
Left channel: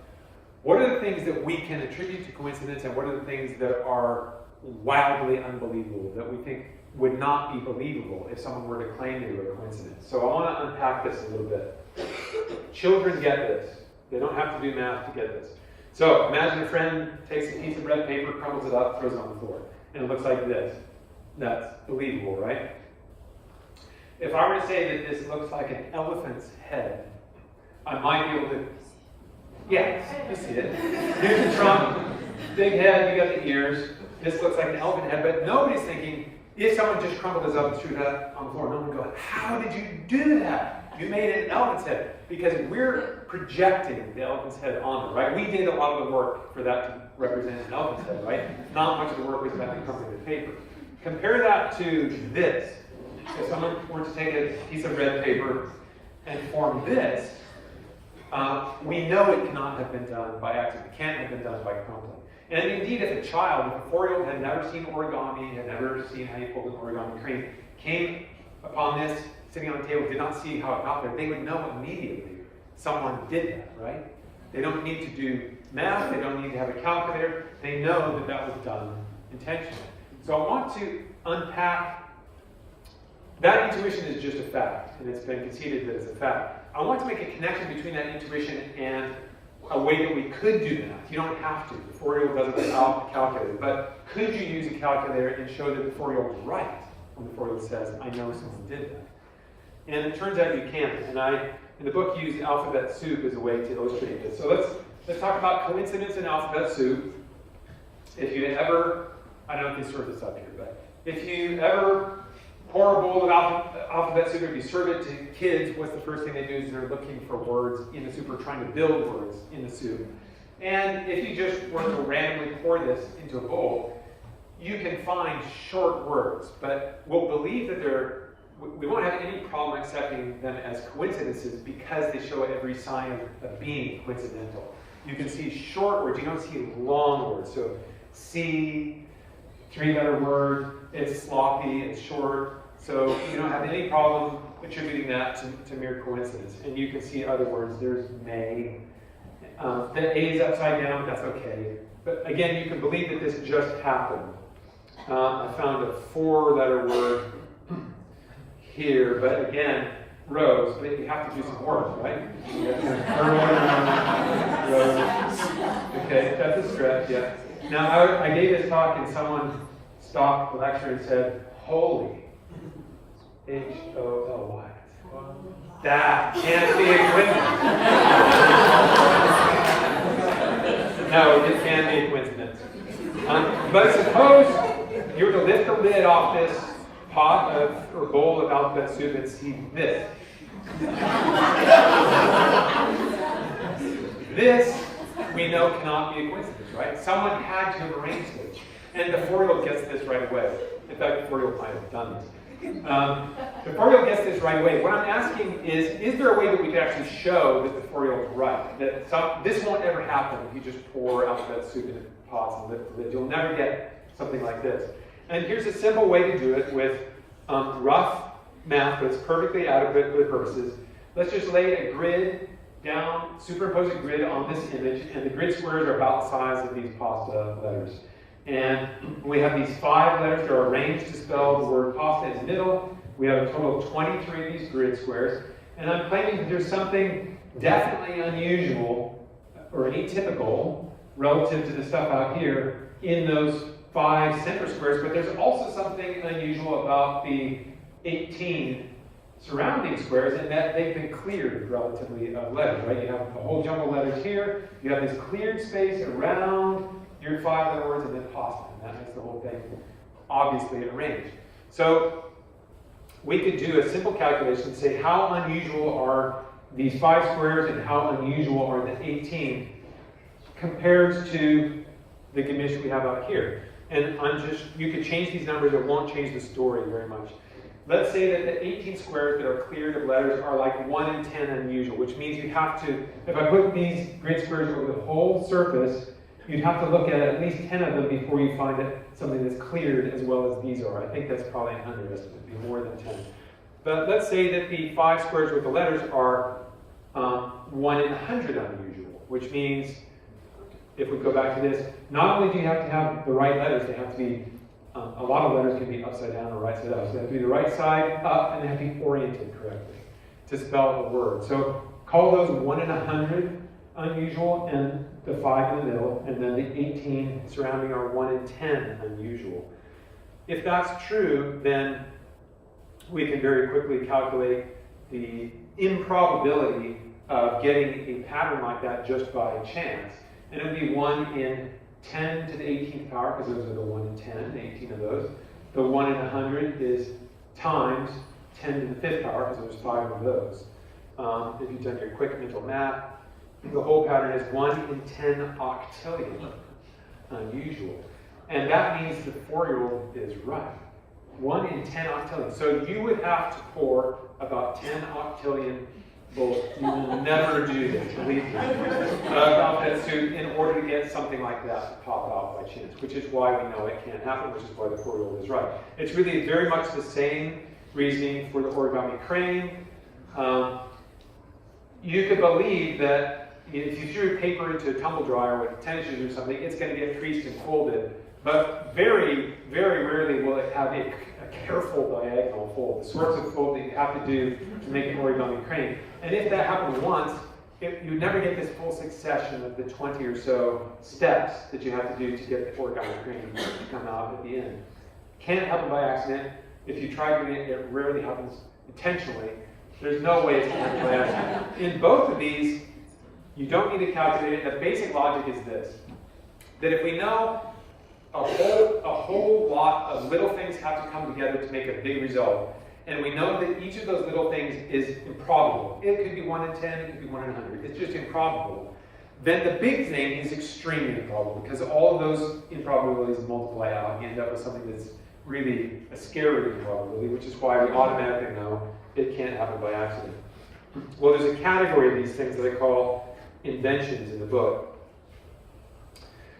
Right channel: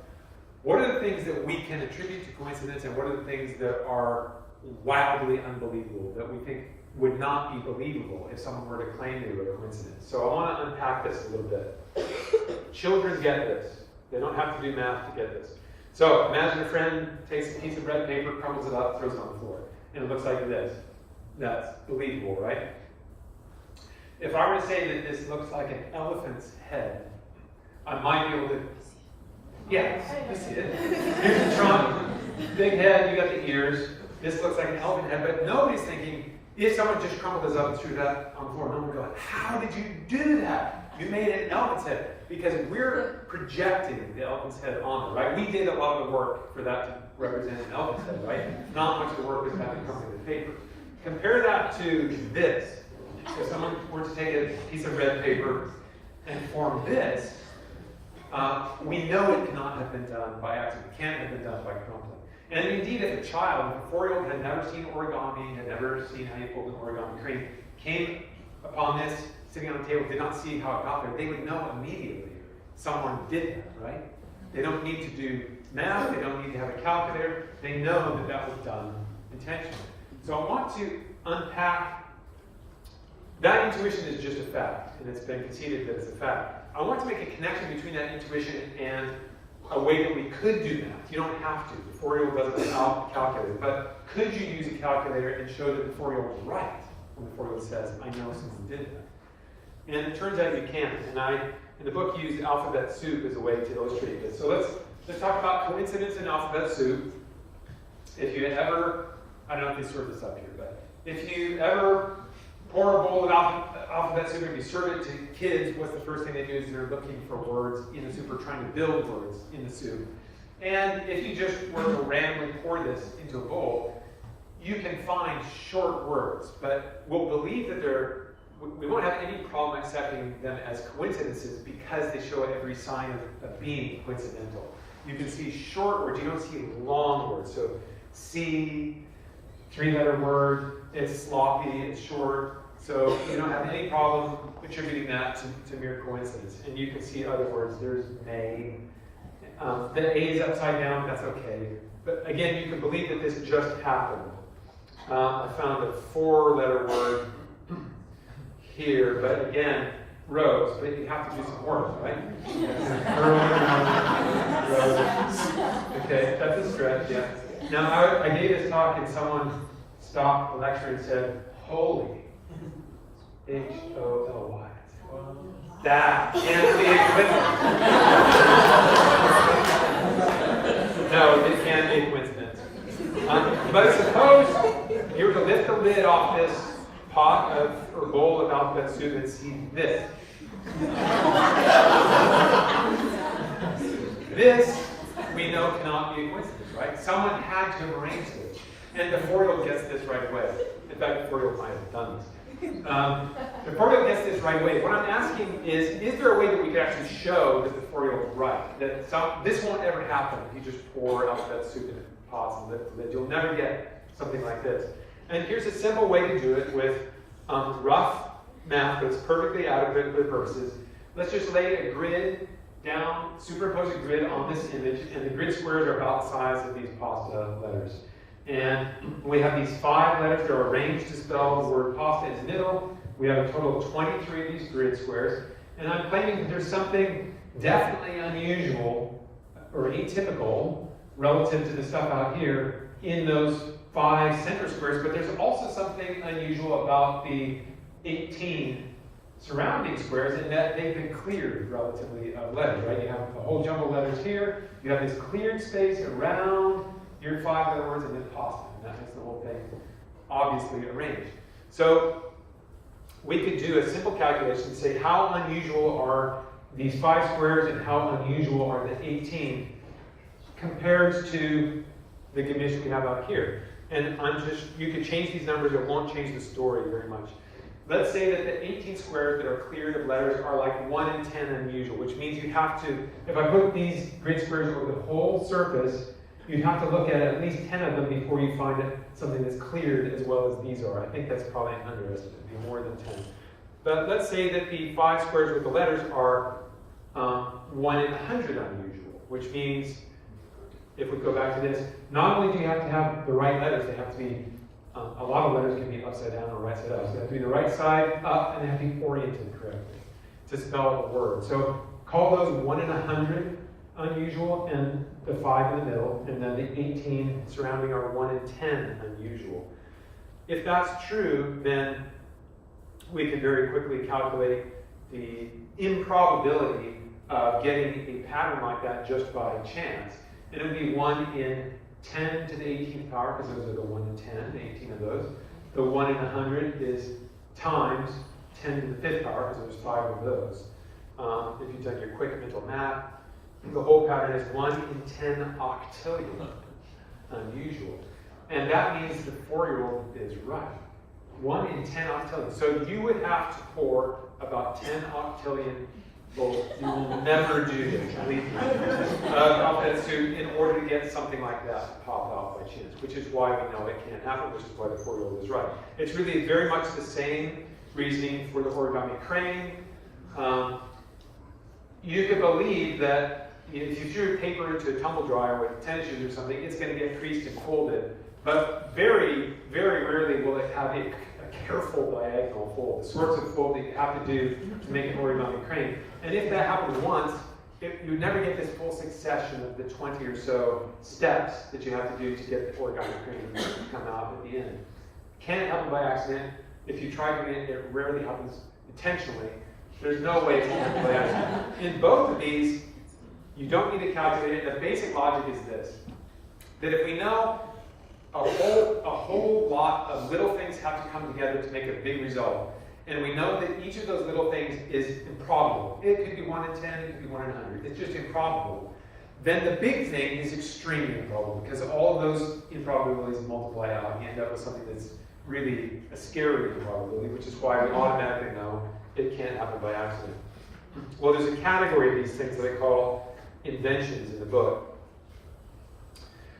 what are the things that we can attribute to coincidence and what are the things that are wildly unbelievable, that we think would not be believable if someone were to claim they were a coincidence. So I want to unpack this a little bit. Children get this. They don't have to do math to get this. So imagine a friend takes a piece of red paper, crumbles it up, throws it on the floor, and it looks like this. That's believable, right? If I were to say that this looks like an elephant's head, I might be able to, yeah, you see it. Here's the trunk, big head, you got the ears. This looks like an elephant head, but nobody's thinking, if someone just crumbled this up and threw that on the floor, no one would go, how did you do that? You made it an elephant's head. Because we're projecting the elephant's head on it, right? We did a lot of the work for that to represent an elephant's head, right? Not much of the work was about the crumbling of paper. Compare that to this. If someone were to take a piece of red paper and form this, we know it cannot have been done by accident. It can't have been done by crumbling. And indeed, if a child, if a 4-year-old had never seen origami, had never seen how you fold an origami crane, came upon this sitting on the table, did not see how it got there, they would know immediately someone did that, right? They don't need to do math, they don't need to have a calculator, they know that that was done intentionally. So I want to unpack, that intuition is just a fact, and it's been conceded that it's a fact. I want to make a connection between that intuition and a way that we could do math. You don't have to. The 4-year-old does it without a calculator. But could you use a calculator and show that the 4-year-old was right when the 4-year-old says, I know someone did that? And it turns out you can. And I, in the book, use alphabet soup as a way to illustrate this. So let's talk about coincidence in alphabet soup. If you ever, I don't know if you serve this up here, but if you ever pour a bowl of alphabet soup, if you serve it to kids, what's the first thing they do is they're looking for words in the soup or trying to build words in the soup. And if you just want to randomly pour this into a bowl, you can find short words, but we'll believe that we won't have any problem accepting them as coincidences because they show every sign of being coincidental. You can see short words, you don't see long words. So C, 3-letter word, it's sloppy, it's short. So you don't have any problem attributing that to mere coincidence. And you can see other words. There's may. The A is upside down, that's okay. But again, you can believe that this just happened. I found a 4-letter word here, but again, rose. But you have to do some work, right? Rose. Okay, that's a stretch, yeah. Now, I gave this talk and someone stopped the lecture and said, holy. H-O-L-Y. That can't be a coincidence. No, it can be a coincidence. But suppose you were to lift the lid off this pot or bowl of alphabet soup and see this. This, we know, cannot be a coincidence, right? Someone had to have arranged it. And the 4-year-old gets this right away. In fact, the 4-year-old might have done this. The 4-year-old gets this right away. What I'm asking is there a way that we could actually show that the 4-year-old's right? That this won't ever happen if you just pour alphabet soup in pots and lift the lid. You'll never get something like this. And here's a simple way to do it with rough math, but it's perfectly adequate for the purposes. Let's just lay a grid down, superimpose a grid on this image, and the grid squares are about the size of these pasta letters. And we have these 5 letters that are arranged to spell the word pasta in the middle. We have a total of 23 of these grid squares. And I'm claiming that there's something definitely unusual or atypical relative to the stuff out here in those 5 center squares, but there's also something unusual about the 18 surrounding squares in that they've been cleared relatively of letters, right? You have a whole jumble of letters here. You have this cleared space around your 5-letter words and then pasta, and that makes the whole thing obviously arranged. So we could do a simple calculation and say how unusual are these 5 squares and how unusual are the 18 compared to the gamish we have out here. And you could change these numbers, it won't change the story very much. Let's say that the 18 squares that are cleared of letters are like 1 in 10 unusual, which means you have to, if I put these grid squares over the whole surface, you'd have to look at least 10 of them before you find something that's cleared as well as these are. I think that's probably an underestimate, it'd be more than 10. But let's say that the 5 squares with the letters are 1 in 100 unusual, which means, if we go back to this, not only do you have to have the right letters, they have to be, a lot of letters can be upside down or right side up. So they have to be the right side up and they have to be oriented correctly to spell a word. So call those 1 in 100 unusual and the 5 in the middle, and then the 18 surrounding are 1 in 10 unusual. If that's true, then we can very quickly calculate the improbability of getting a pattern like that just by chance. And it would be 1 in 10 to the 18th power, because those are the 1 in 10, the 18 of those. The 1 in 100 is times 10 to the 5th power, because there's 5 of those. If you've done your quick mental math, the whole pattern is 1 in 10 octillion, unusual. And that means the 4-year-old is right. 1 in 10 octillion. So you would have to pour about 10 octillion bullets. You will never do this, believe me, outfit suit in order to get something like that to pop out by chance, which is why we know it can't happen, which is why the 4-year-old is right. It's really very much the same reasoning for the origami crane. You could believe that if you threw paper into a tumble dryer with tennis shoes or something, it's going to get creased and folded. But very, very rarely will it have a careful diagonal fold, the sorts of fold that you have to do to make an origami crane. And if that happened once, you never get this full succession of the 20 or so steps that you have to do to get the origami crane to come out at the end. Can't happen by accident. If you try doing it, it rarely happens intentionally. There's no way it's going to happen by accident. In both of these, you don't need to calculate it. The basic logic is this, that if we know a whole lot of little things have to come together to make a big result, and we know that each of those little things is improbable. It could be 1 in 10, it could be 1 in 100. It's just improbable. Then the big thing is extremely improbable, because all of those improbabilities multiply out, and you end up with something that's really a scary improbability, which is why we automatically know it can't happen by accident. Well, there's a category of these things that I call inventions in the book.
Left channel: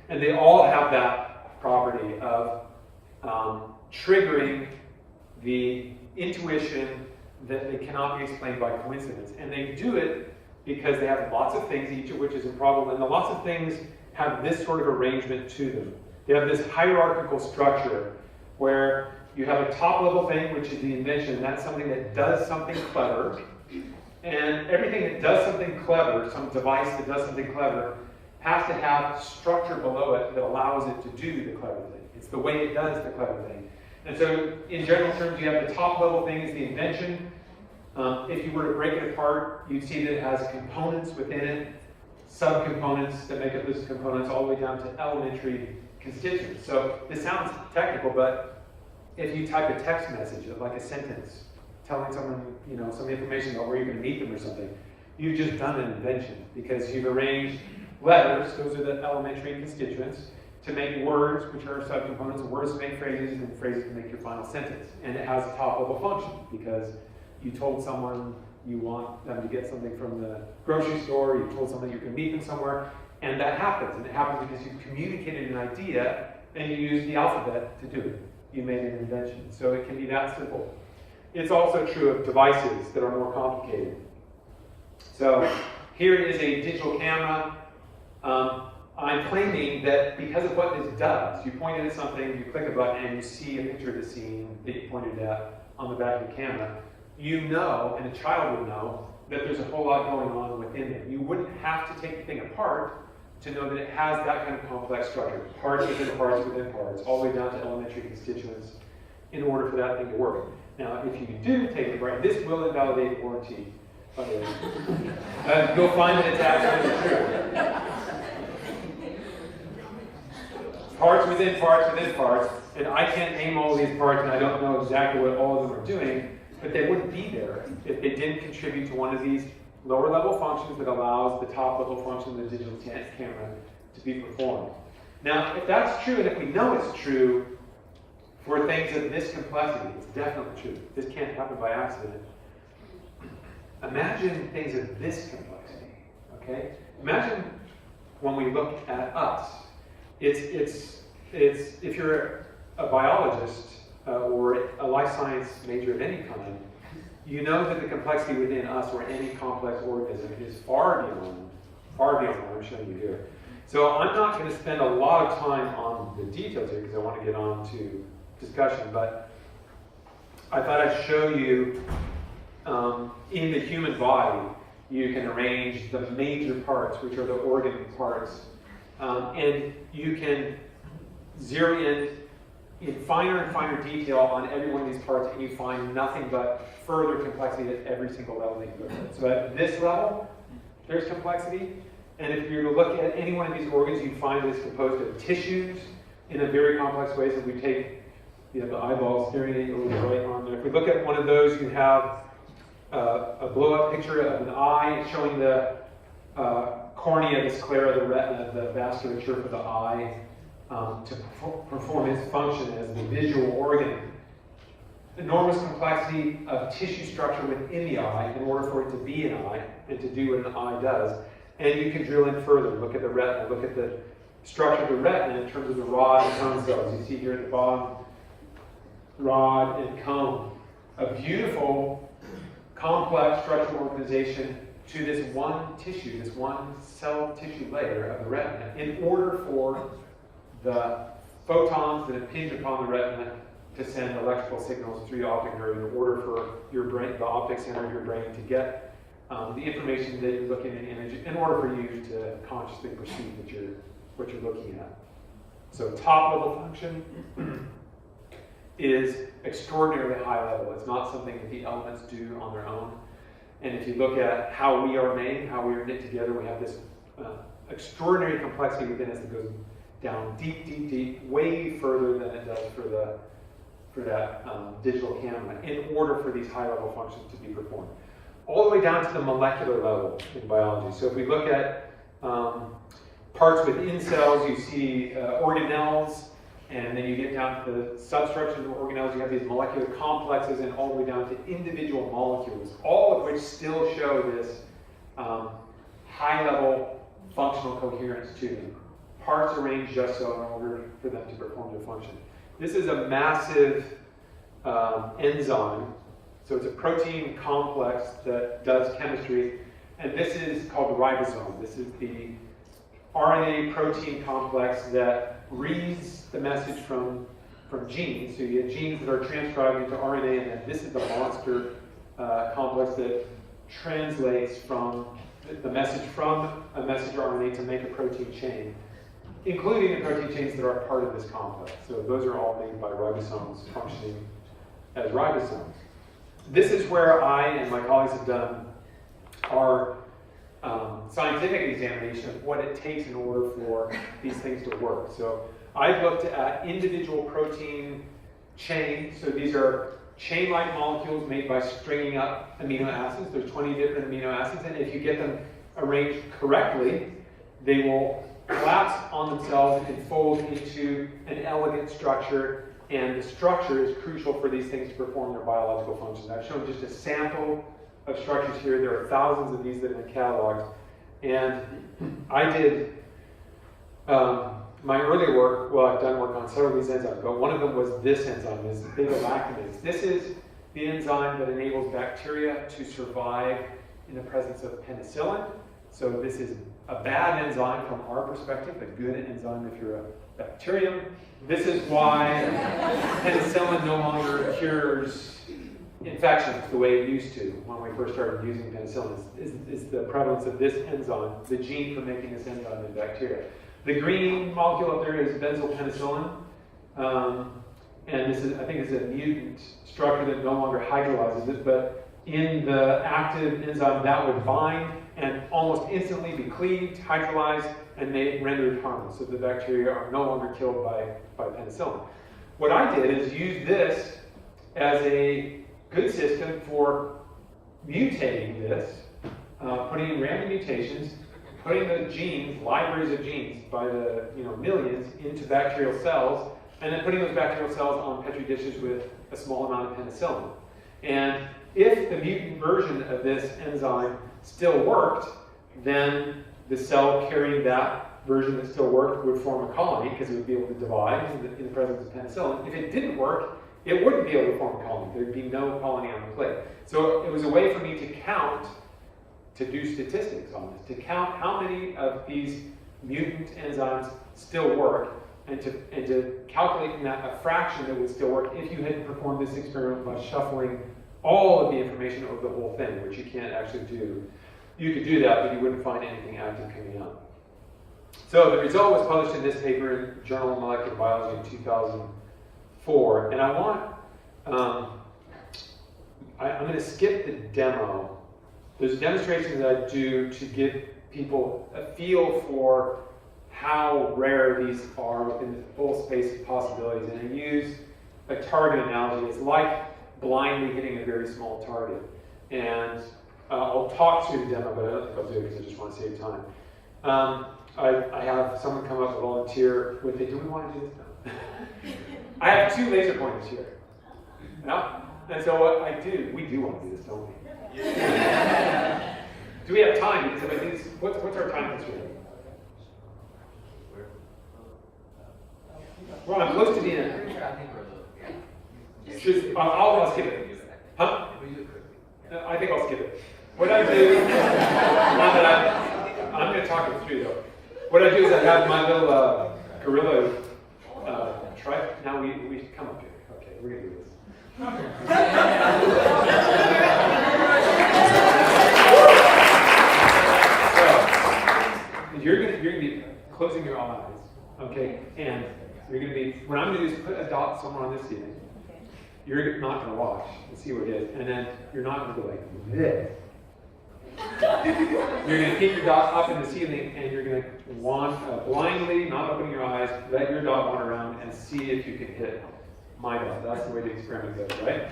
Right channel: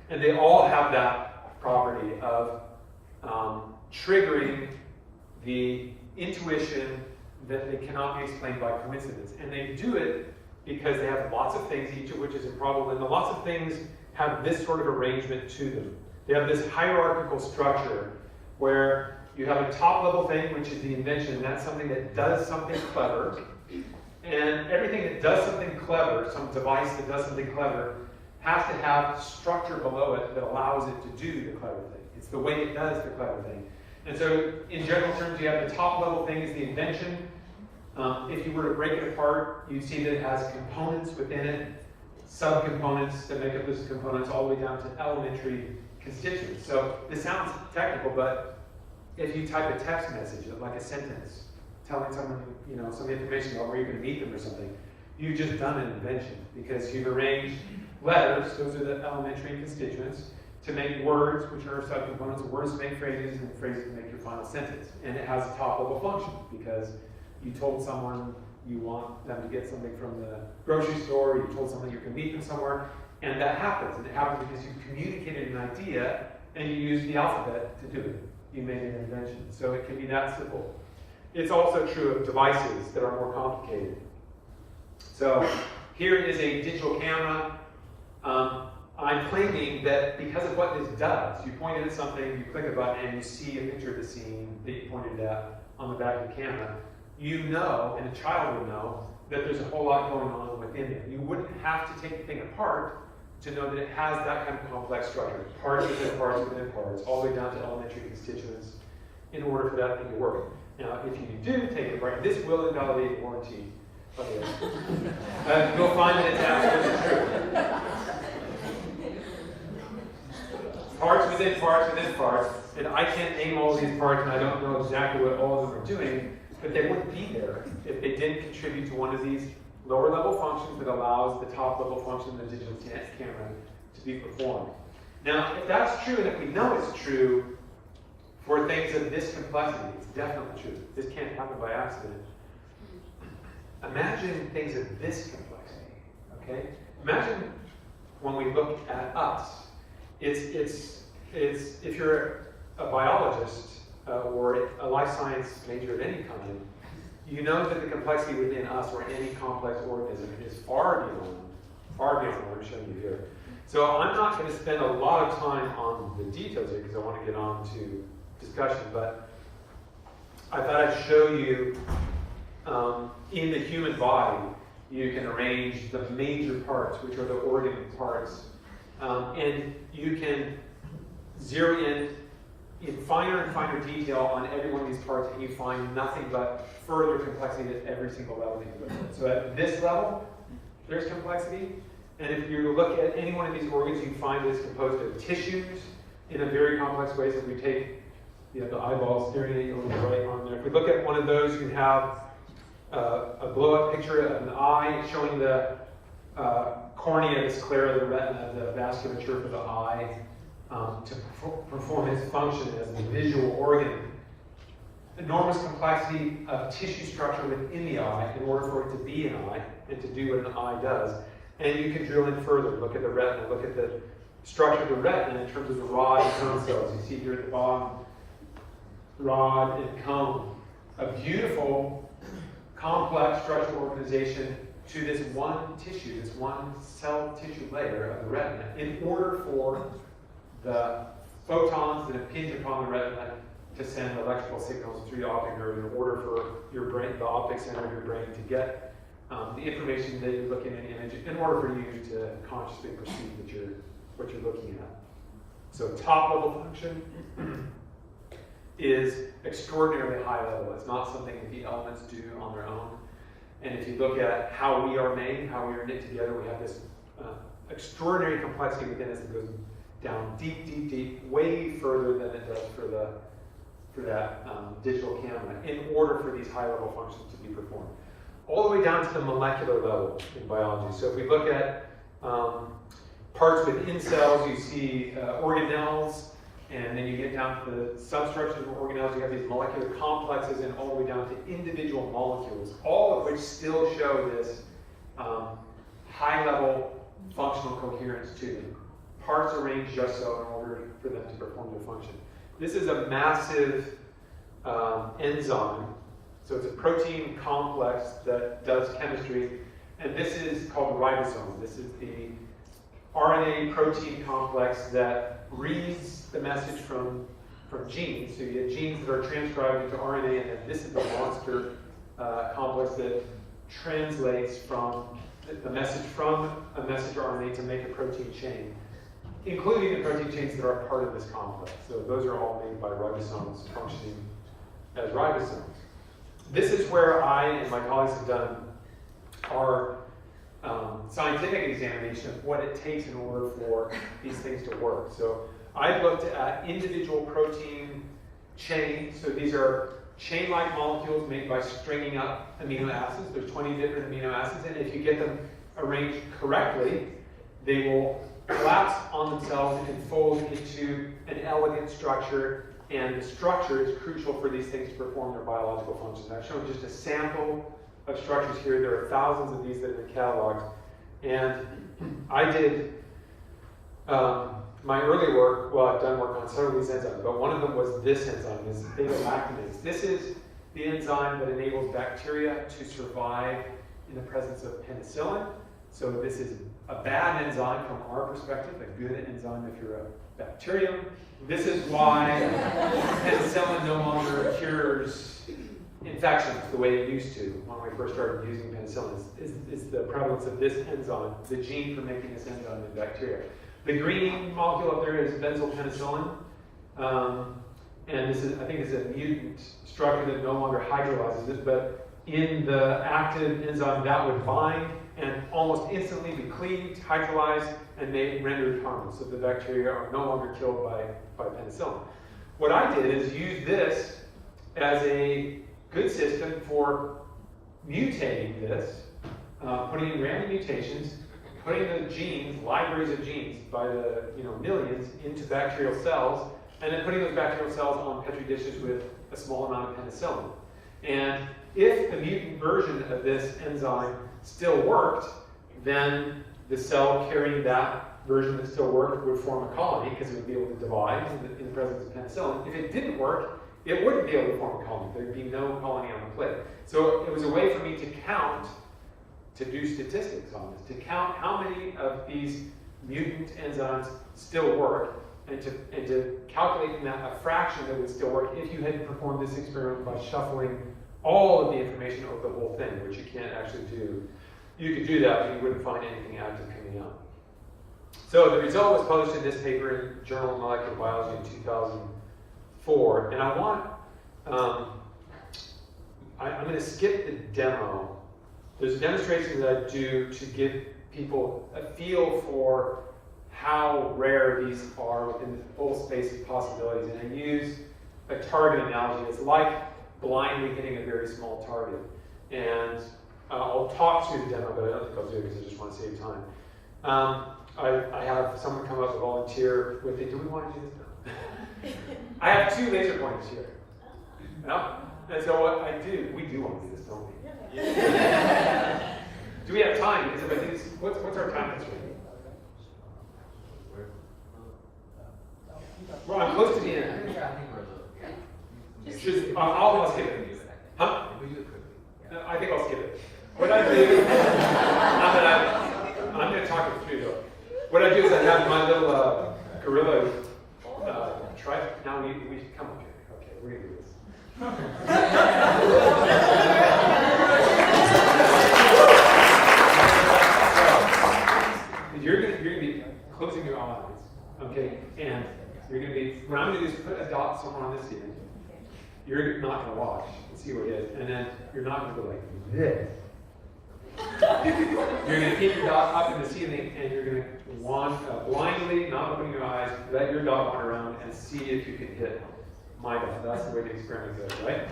And they all have that property of triggering the intuition that they cannot be explained by coincidence. And they do it because they have lots of things, each of which is improbable, and the lots of things have this sort of arrangement to them. They have this hierarchical structure where you have a top level thing, which is the invention. That's something that does something clever. And everything that does something clever, some device that does something clever, has to have structure below it that allows it to do the clever thing. It's the way it does the clever thing. And so, in general terms, you have the top level thing is the invention. If you were to break it apart, you'd see that it has components within it, subcomponents that make up those components, all the way down to elementary constituents. So this sounds technical, but if you type a text message, like a sentence, telling someone, some information about where you're going to meet them or something, you've just done an invention, because you've arranged letters, those are the elementary constituents, to make words, which are subcomponents, and words to make phrases, and phrases to make your final sentence. And it has a top level function, because you told someone you want them to get something from the grocery store, you told someone you can meet them somewhere, and that happens. And it happens because you communicated an idea, and you used the alphabet to do it. You made an invention. So it can be that simple. It's also true of devices that are more complicated. So here is a digital camera. I'm claiming that because of what this does, you point at something, you click a button, and you see a picture of the scene that you pointed at on the back of the camera. You know, and a child would know, that there's a whole lot going on within it. You wouldn't have to take the thing apart to know that it has that kind of complex structure. Parts within parts within parts, all the way down to elementary constituents, in order for that thing to work. Now, if you do take it apart, this will invalidate warranty. You'll find that it's absolutely true. Parts within parts within parts, and I can't name all of these parts, and I don't know exactly what all of them are doing, but they wouldn't be there if they didn't contribute to one of these lower level functions that allows the top level function of the digital camera to be performed. Now, if that's true, and if we know it's true for things of this complexity, it's definitely true. This can't happen by accident. Imagine things of this complexity, okay? Imagine when we look at us. if you're a biologist or a life science major of any kind, you know that the complexity within us or any complex organism is far beyond what I'm showing you here. So I'm not going to spend a lot of time on the details here because I want to get on to discussion, but I thought I'd show you in the human body, you can arrange the major parts, which are the organ parts, and you can zero in finer and finer detail on every one of these parts, and you find nothing but further complexity at every single level that you look at. So at this level, there's complexity, and if you look at any one of these organs, you find it's composed of tissues in a very complex way. So if we take the eyeball staring at you over the right arm there. If we look at one of those, you have a blow-up picture of an eye showing the cornea, the sclera, the retina, the vasculature for the eye to perform its function as the visual organ. Enormous complexity of tissue structure within the eye in order for it to be an eye and to do what an eye does. And you can drill in further, look at the retina, look at the structure of the retina in terms of the rod and cone cells. You see here at the bottom, rod and cone. A beautiful, complex structural organization to this one tissue, this one cell tissue layer of the retina, in order for the photons that impinge upon the retina to send electrical signals through the optic nerve in order for your brain, the optic center of your brain, to get the information that you're looking at in the image in order for you to consciously perceive what you're looking at. So top level function is extraordinarily high level. It's not something that the elements do on their own. And if you look at how we are made, how we are knit together, we have this extraordinary complexity within us that goes down deep, deep, deep, way further than it does for that digital camera, in order for these high level functions to be performed. All the way down to the molecular level in biology. So if we look at parts within cells, you see organelles, and then you get down to the substructures of organelles, you have these molecular complexes, and all the way down to individual molecules, all of which still show this high-level functional coherence to them. Parts arranged just so in order for them to perform their function. This is a massive enzyme, so it's a protein complex that does chemistry, and this is called the ribosome. This is the RNA protein complex that reads the message from genes. So you get genes that are transcribed into RNA, and then this is the monster complex that translates from the message from a messenger RNA to make a protein chain, including the protein chains that are part of this complex. So those are all made by ribosomes functioning as ribosomes. This is where I and my colleagues have done our scientific examination of what it takes in order for these things to work. So I've looked at individual protein chains. So these are chain-like molecules made by stringing up amino acids. There's 20 different amino acids, and if you get them arranged correctly, they will collapse on themselves and fold into an elegant structure, and the structure is crucial for these things to perform their biological functions. I've shown just a sample of structures here. There are thousands of these that have been cataloged, and I did my earlier work, well, I've done work on several of these enzymes, but one of them was this enzyme, this beta-lactamase. This is the enzyme that enables bacteria to survive in the presence of penicillin. So this is a bad enzyme from our perspective, a good enzyme if you're a bacterium. This is why penicillin no longer cures infections the way it used to when we first started using penicillin. Is the prevalence of this enzyme, the gene for making this enzyme in bacteria. The green molecule up there is benzylpenicillin, and this is, I think, is a mutant structure that no longer hydrolyzes it, but in the active enzyme that would bind and almost instantly be cleaved, hydrolyzed, and may render it harmless. So the bacteria are no longer killed by penicillin. What I did is use this as a good system for mutating this, putting in random mutations, putting the genes, libraries of genes by the millions into bacterial cells, and then putting those bacterial cells on Petri dishes with a small amount of penicillin. And if the mutant version of this enzyme still worked, then the cell carrying that version that still worked would form a colony because it would be able to divide in the presence of penicillin. If it didn't work, it wouldn't be able to form a colony. There'd be no colony on the plate. So it was a way for me to count, to do statistics on this, to count how many of these mutant enzymes still work, and to calculate from that a fraction that would still work if you had performed this experiment by shuffling all of the information over the whole thing, which you can't actually do. You could do that, but you wouldn't find anything active coming out. So the result was published in this paper in Journal of Molecular Biology in 2004. And I want, I'm going to skip the demo. There's demonstrations that I do to give people a feel for how rare these are within the full space of possibilities. And I use a target analogy. It's like blindly hitting a very small target. And I'll talk through the demo, but I don't think I'll do it because I just want to save time. I have someone come up and volunteer with it. Do we want to do this now? I have 2 laser pointers here. Yeah? And so what I do, we do want to do this, don't we? Do we have time? Because if I do this, what's our time constraint? Well, I'm close to the end. I'll skip it. Huh? I think I'll skip it. What I do, I'm going to talk it through though. What I do is I have my little gorilla try. Now we come up here. Okay, we're going to do this. So, you're going to be closing your eyes, okay? And you're going to be, what I'm going to do is put a dot somewhere on this ceiling. You're not going to watch and see what it is, and then you're not going to go like this. You're going to keep your dot up in the ceiling, and you're going to blindly, not opening your eyes, let your dot wander around and see if you can hit my dot. That's the way the experiment goes, right?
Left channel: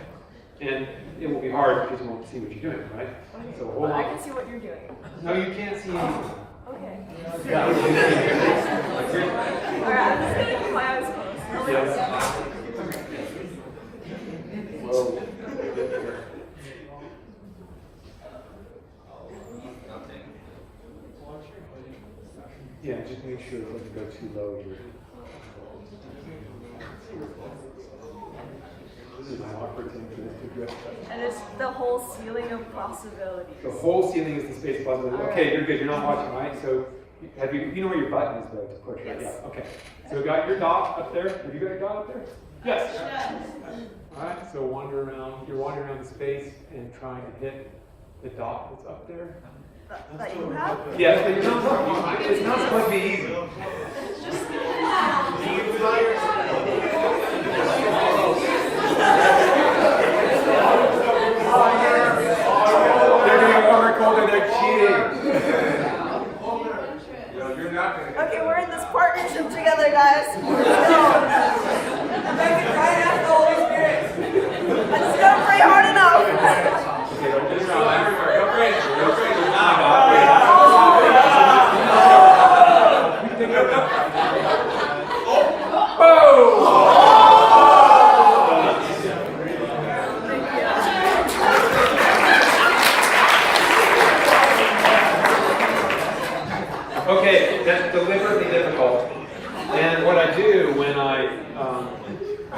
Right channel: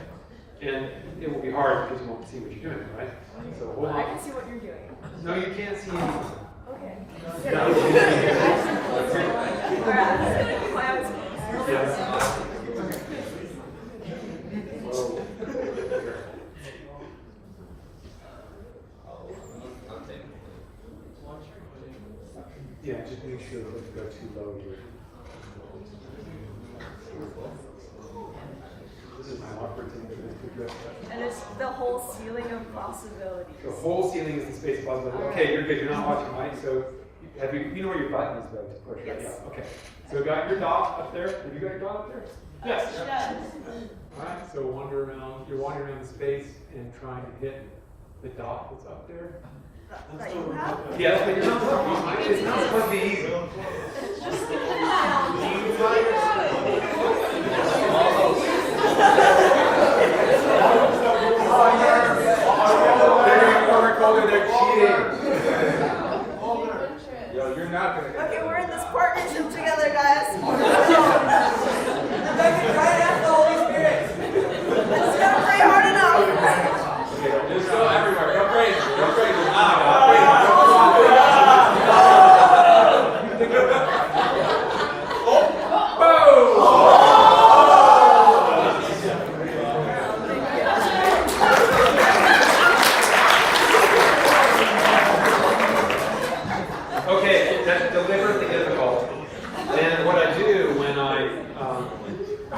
And it will be hard because you won't see what you're doing, right? So well, I can see what you're doing. No, you can't see anything. Okay. All right, I'm just going to keep my eyes closed. Yes. Yeah, just make sure it doesn't go too low here. This is my awkward thing for this. And it's the whole ceiling of possibilities. The whole ceiling is the space of possibilities. Okay, you're good. You're not watching, right? So, have you know where your button is, though, to push, right? Yes. Yeah. Okay. So we got your dot up there. Have you got your dot up there? Yes. All right. So wander around. You're wandering around the space and trying to hit the dot that's up there. That you have? Yes, but it's not supposed to be easy. They're cheating. Okay, we're in this partnership together, guys. Right after the Holy Spirit. I just gotta pray hard enough. Just go everywhere. Go crazy. Go crazy. Okay, that's deliberately difficult. And what I do when I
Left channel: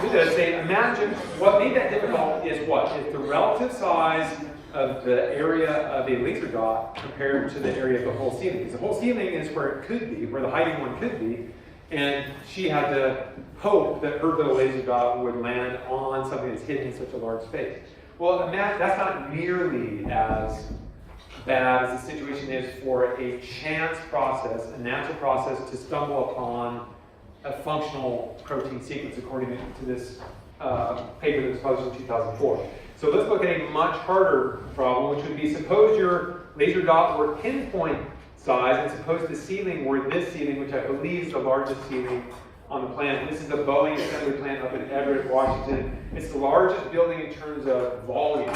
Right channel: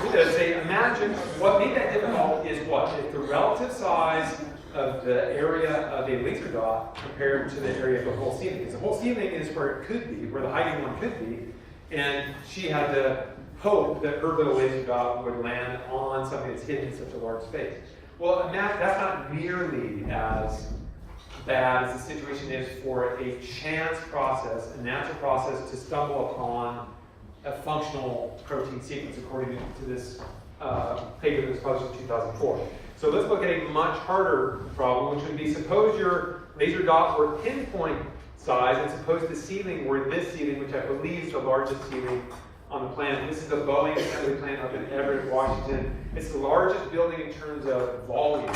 do this, say, imagine what made that difficult is what? It's the relative size of the area of a laser dot compared to the area of the whole ceiling. The whole ceiling is where it could be, where the hiding one could be, and she had to hope that her little laser dot would land on something that's hidden in such a large space. Well, that's not nearly as bad as the situation is for a chance process, a natural process to stumble upon a functional protein sequence according to this paper that was published in 2004. So let's look at a much harder problem, which would be suppose your laser dot were pinpoint size, and suppose the ceiling were this ceiling, which I believe is the largest ceiling on the planet. This is the Boeing assembly plant up in Everett, Washington. It's the largest building in terms of volume.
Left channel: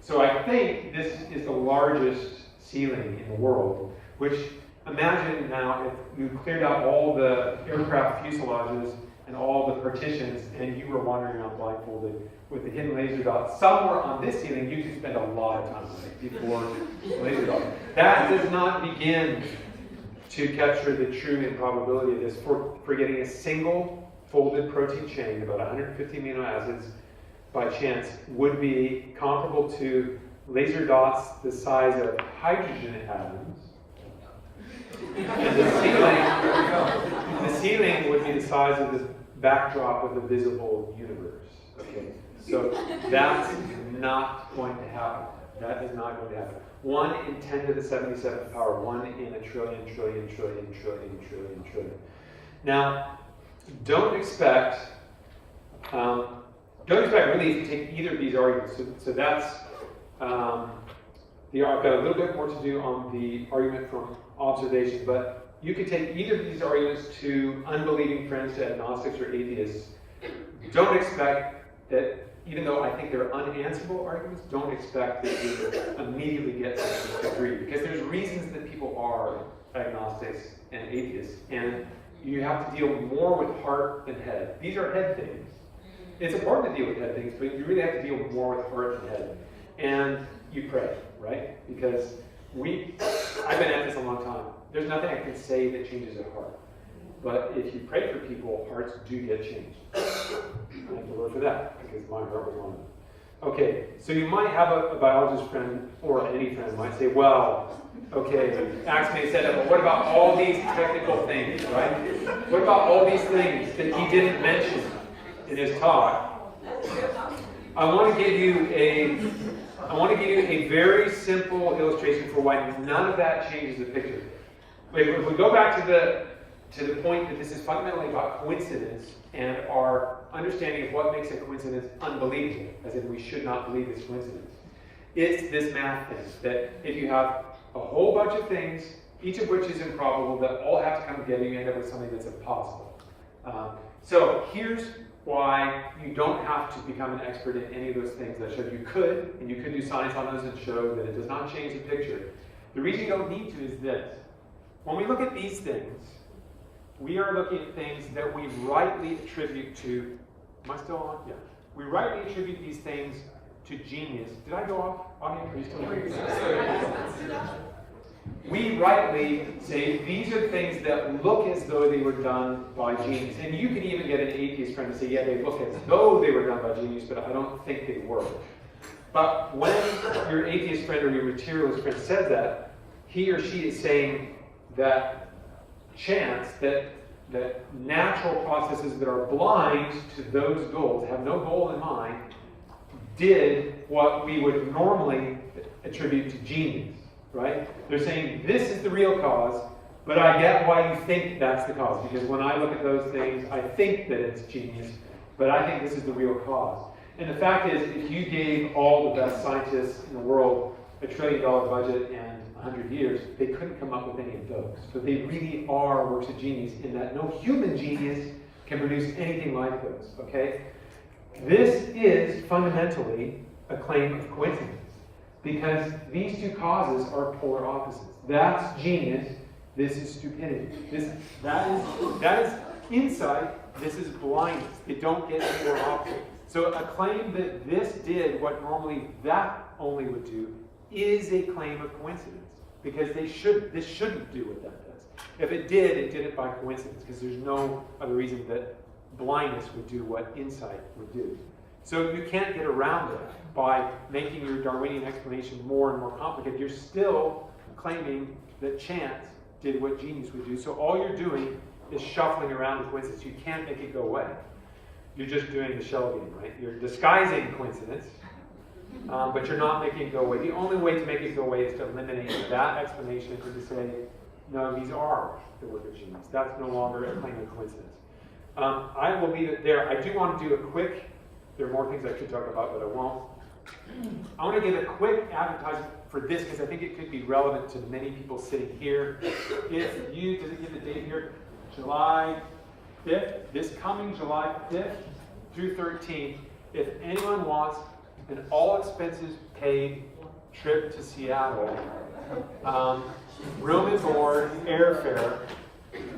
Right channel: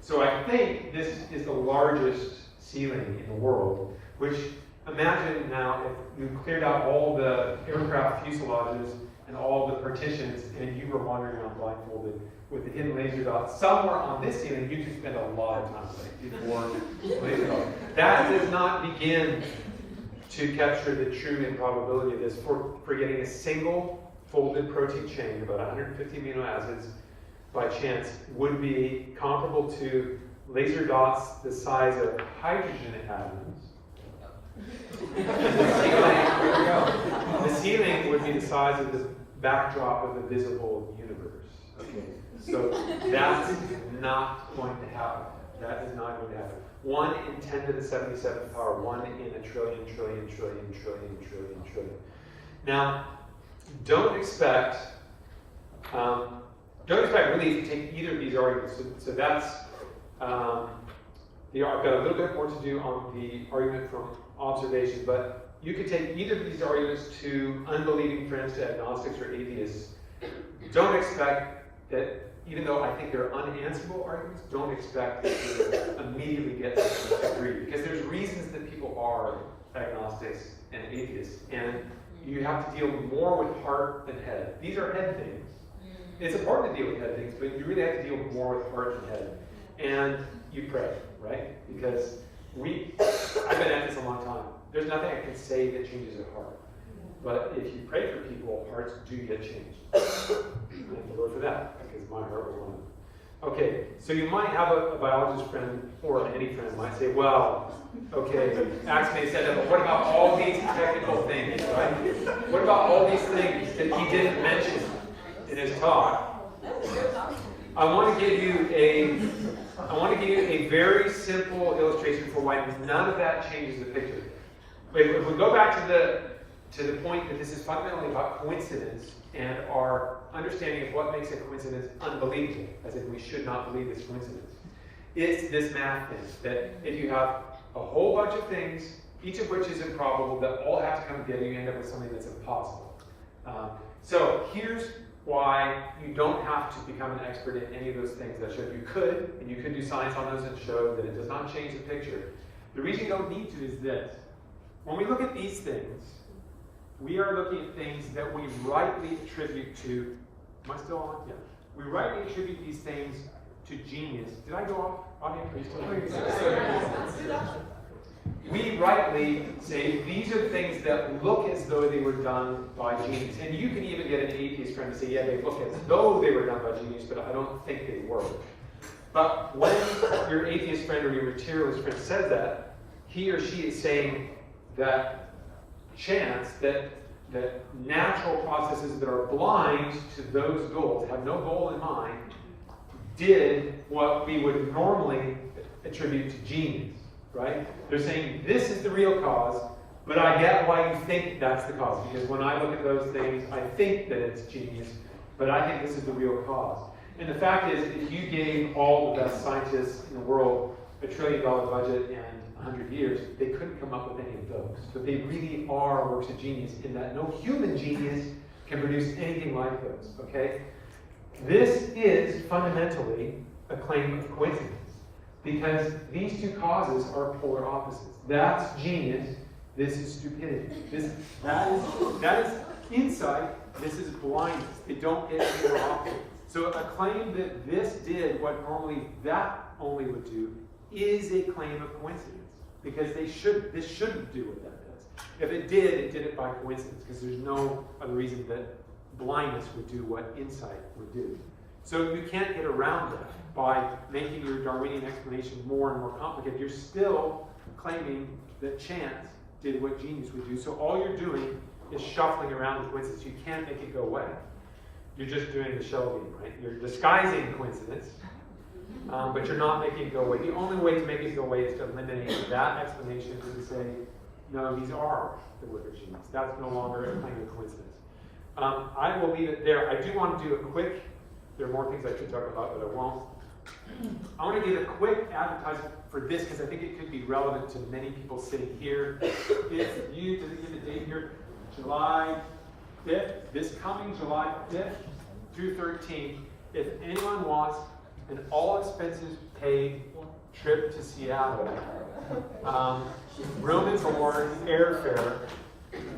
So I think this is the largest ceiling in the world, which imagine now if you cleared out all the aircraft fuselages and all the partitions and you were wandering around blindfolded with the hidden laser dot somewhere on this ceiling, you could spend a lot of time before the laser dot. That does not begin to capture the true improbability of this, for getting a single folded protein chain, about 150 amino acids, by chance, would be comparable to laser dots the size of hydrogen atoms. And the ceiling would be the size of the backdrop of the visible universe. Okay, so that's not going to happen. That is not going to happen. 1 in 10 to the 77th power, 1 in a trillion, trillion, trillion, trillion, trillion, trillion. Now, don't expect really to take either of these arguments. So that's, I've got a little bit more to do on the argument from observation, but you could take either of these arguments to unbelieving friends, to agnostics or atheists. Don't expect that, even though I think they're unanswerable arguments, don't expect that you immediately get to agree. Because there's reasons that people are agnostics and atheists, and you have to deal more with heart than head. These are head things. It's important to deal with head things, but you really have to deal more with heart than head. And you pray, right? Because I've been at this a long time. There's nothing I can say that changes a heart. But if you pray for people, hearts do get changed. I have to Lord for that, because my heart was one of them. Okay, so you might have a biologist friend, or any friend might say, well, okay, Axe may said that, but what about all these technical things, right? What about all these things that he didn't mention in his talk? I want to give you a very simple illustration for why none of that changes the picture. If we go back to the point that this is fundamentally about coincidence and our understanding of what makes a coincidence unbelievable, as if we should not believe it's coincidence, it's this math thing, that if you have a whole bunch of things, each of which is improbable, that all have to come together, you end up with something that's impossible. So here's why you don't have to become an expert in any of those things I showed you. Could, and you could do science on those and show that it does not change the picture. The reason you don't need to is this. When we look at these things, we are looking at things that we rightly attribute to, am I still on? Yeah. We rightly attribute these things to genius. Did I go off? Are you still here? We rightly say these are things that look as though they were done by genius. And you can even get an atheist friend to say, yeah, they look as though they were done by genius, but I don't think they were. But when your atheist friend or your materialist friend says that, he or she is saying that chance, that natural processes that are blind to those goals, have no goal in mind, did what we would normally attribute to genius, right? They're saying this is the real cause, but I get why you think that's the cause, because when I look at those things, I think that it's genius, but I think this is the real cause. And the fact is, if you gave all the best scientists in the world $1 trillion budget and 100 years, they couldn't come up with any of those. But they really are works of genius in that no human genius can produce anything like those, okay? This is fundamentally a claim of coincidence, because these two causes are polar opposites. That's genius, this is stupidity. That is insight, this is blindness. They don't get any more opposite. So a claim that this did what normally that only would do is a claim of coincidence, because this shouldn't do what that does. If it did it by coincidence, because there's no other reason that blindness would do what insight would do. So you can't get around that by making your Darwinian explanation more and more complicated. You're still claiming that chance did what genius would do. So all you're doing is shuffling around the coincidence. You can't make it go away. You're just doing the shell game, right? You're disguising coincidence, but you're not making it go away. The only way to make it go away is to eliminate that explanation and to say, no, these are the work of genius. That's no longer a claim of coincidence. I will leave it there. I do want to do a quick, there are more things I should talk about, but I won't. I want to give a quick advertisement for this because I think it could be relevant to many people sitting here. If you, did it give the date here? July 5th, this coming July 5th through 13th, if anyone wants an all-expenses paid trip to Seattle, room and board, airfare,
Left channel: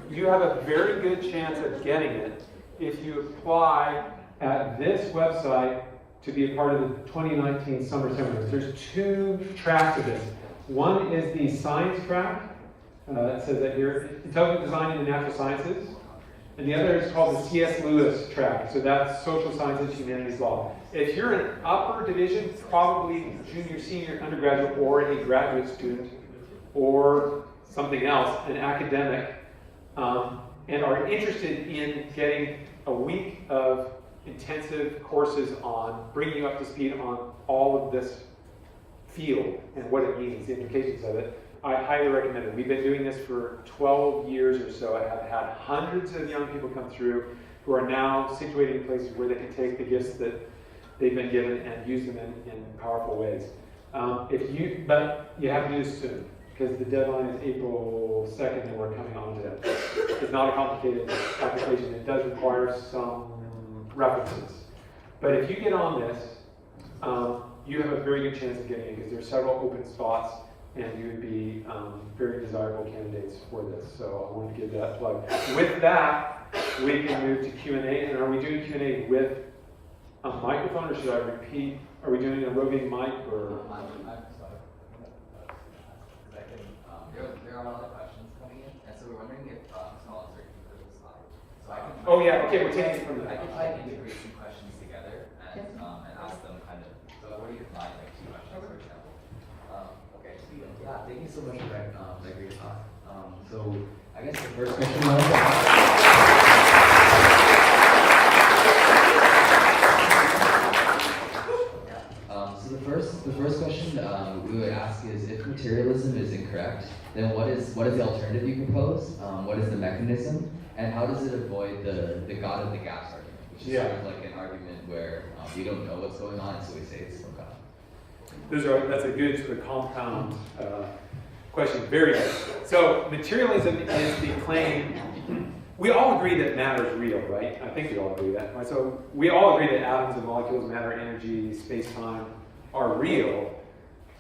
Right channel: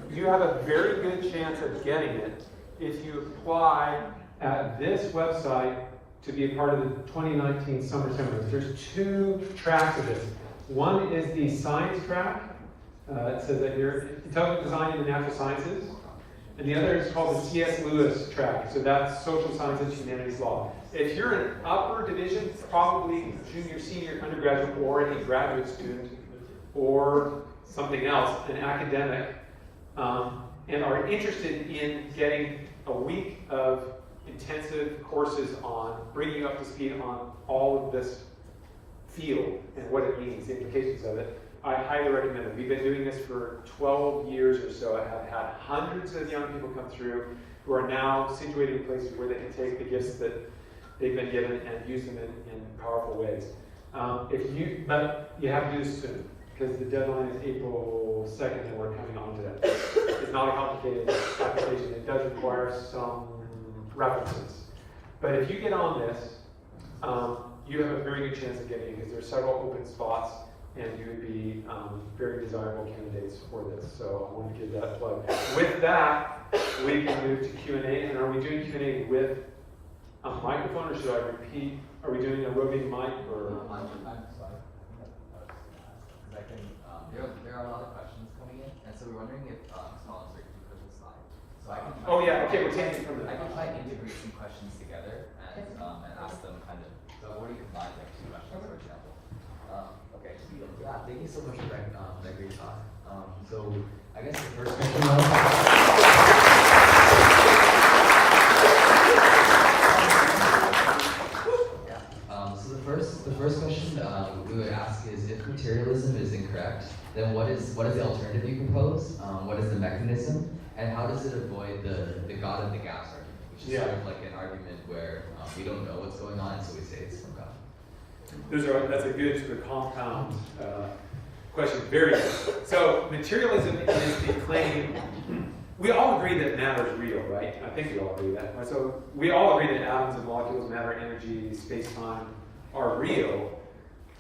you have a very good chance of getting it if you apply at this website to be a part of the 2019 summer seminars. There's two tracks of this. One is the science track, It says that here, intelligent design in the natural sciences. And the other is called the C.S. Lewis track. So that's social sciences, humanities, law. If you're an upper division, probably junior, senior, undergraduate, or a graduate student, or something else, an academic, and are interested in getting a week of intensive courses on bringing you up to speed on all of this field and what it means, the implications of it, I highly recommend it. We've been doing this for 12 years or so. I have had hundreds of young people come through who are now situated in places where they can take the gifts that they've been given and use them in powerful ways. But you have to do this soon, because the deadline is April 2nd and we're coming on to that. It's not a complicated application. It does require some references. But if you get on this, you have a very good chance of getting it, because there are several open spots and you would be very desirable candidates for this. So I want to give that plug. With that, we can move to Q&A. And are we doing Q&A with a microphone, or should I repeat? Are we doing a roving mic, or? There are a lot of questions coming in, and so we're wondering if scholars are keeping the slide. So I can. Oh yeah. Okay, we're taking it from I there. can try to integrate some questions together and ask them kind of. What do you find like two questions, for example? Okay. Yeah. Thank you so much for that great talk. So I guess the first question. So the first question we would ask is, if materialism is incorrect, then what is the alternative you propose? What is the mechanism, and how does it avoid the God of the gaps argument, which is sort of like an argument where we don't know what's going on, so we say it's no God. That's a good sort of compound question. Very good. So materialism is the claim. We all agree that matter is real, right? I think we all agree that. Right? So we all agree that atoms and molecules, matter, energy, space-time are real.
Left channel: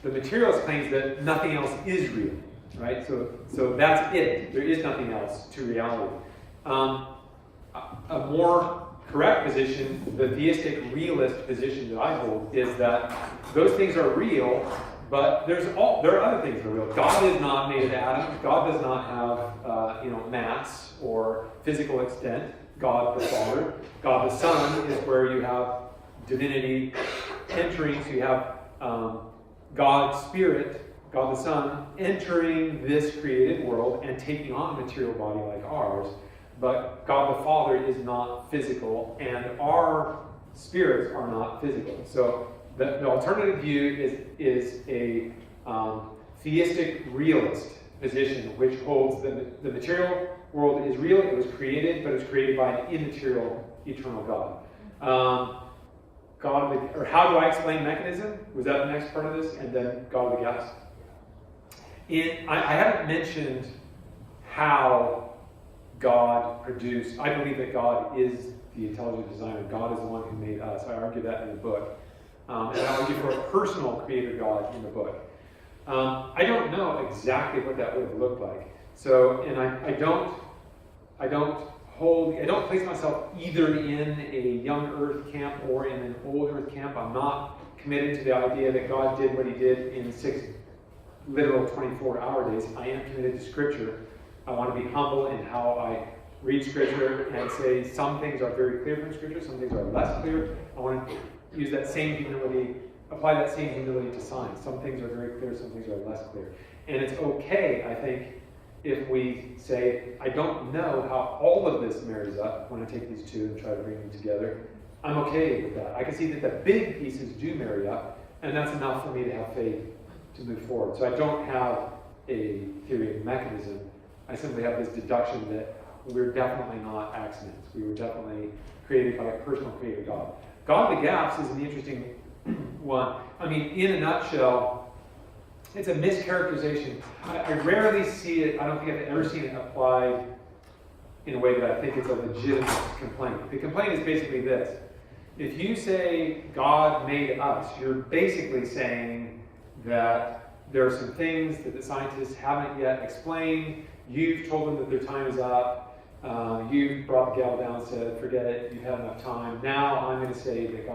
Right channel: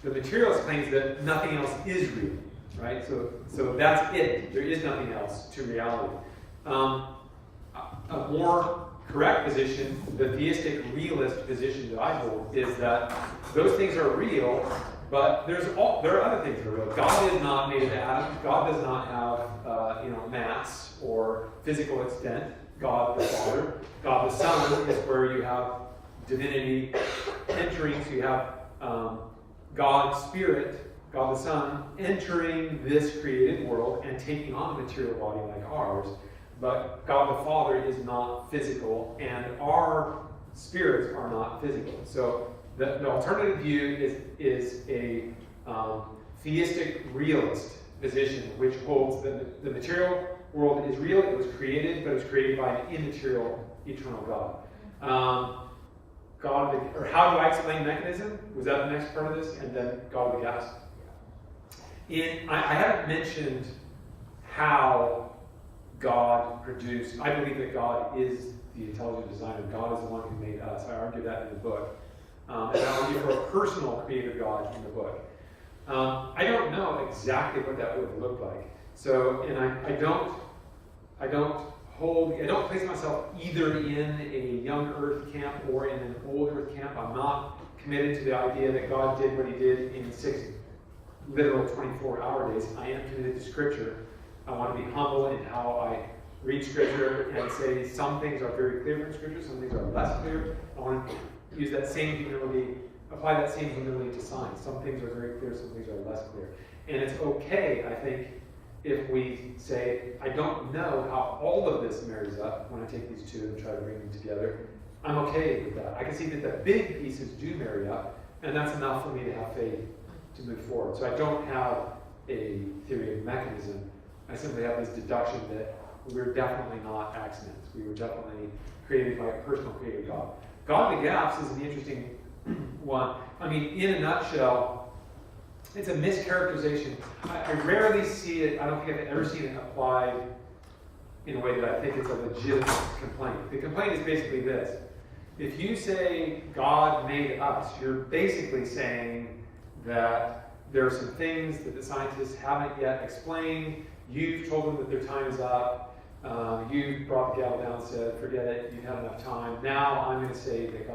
The materialist claims that nothing else is real, right? So that's it. There is nothing else to reality. A more correct position, the theistic realist position that I hold, is that those things are real, but there are other things that are real. God is not made of atoms. God does not have mass or physical extent. God the Father. God the Son is where you have divinity entering. So you have God's Spirit, God the Son, entering this created world and taking on a material body like ours. But God the Father is not physical, and our spirits are not physical. So the alternative view is a theistic realist position, which holds that the material world is real. It was created, but it was created by an immaterial, eternal God. Or how do I explain mechanism? Was that the next part of this? And then God of the gaps. I haven't mentioned how God produced. I believe that God is the intelligent designer. God is the one who made us. I argue that in the book. And I argue for a personal creator God in the book. I don't know exactly what that would look like. So, and I don't place myself either in a young earth camp or in an old earth camp. I'm not committed to the idea that God did what he did in 6 literal 24-hour days. I am committed to Scripture. I want to be humble in how I read Scripture and say some things are very clear from Scripture, some things are less clear. I want to use that same humility, apply that same humility to science. Some things are very clear, some things are less clear. And it's okay, I think, if we say, I don't know how all of this marries up when I take these two and try to bring them together. I'm okay with that. I can see that the big pieces do marry up, and that's enough for me to have faith to move forward. So I don't have a theory of mechanism. I simply have this deduction that we're definitely not accidents. We were definitely created by a personal creator God. God of the gaps is an interesting one. I mean, in a nutshell, it's a mischaracterization. I rarely see it, I don't think I've ever seen it applied in a way that I think it's a legitimate complaint. The complaint is basically this. If you say God made us, you're basically saying that there are some things that the scientists haven't yet explained. You've told them that their time is up. You brought the gavel down and said, forget it, you've had enough time. Now I'm going to say that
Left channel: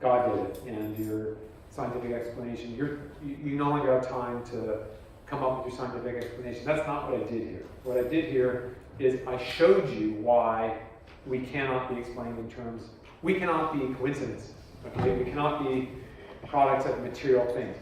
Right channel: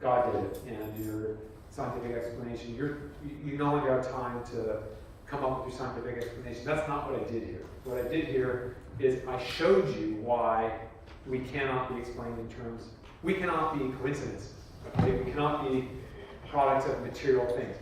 God did it, and your scientific explanation, you no longer have time to come up with your scientific explanation. That's not what I did here. What I did here is I showed you why we cannot be explained in terms, we cannot be coincidences. Okay? We cannot be products of material things.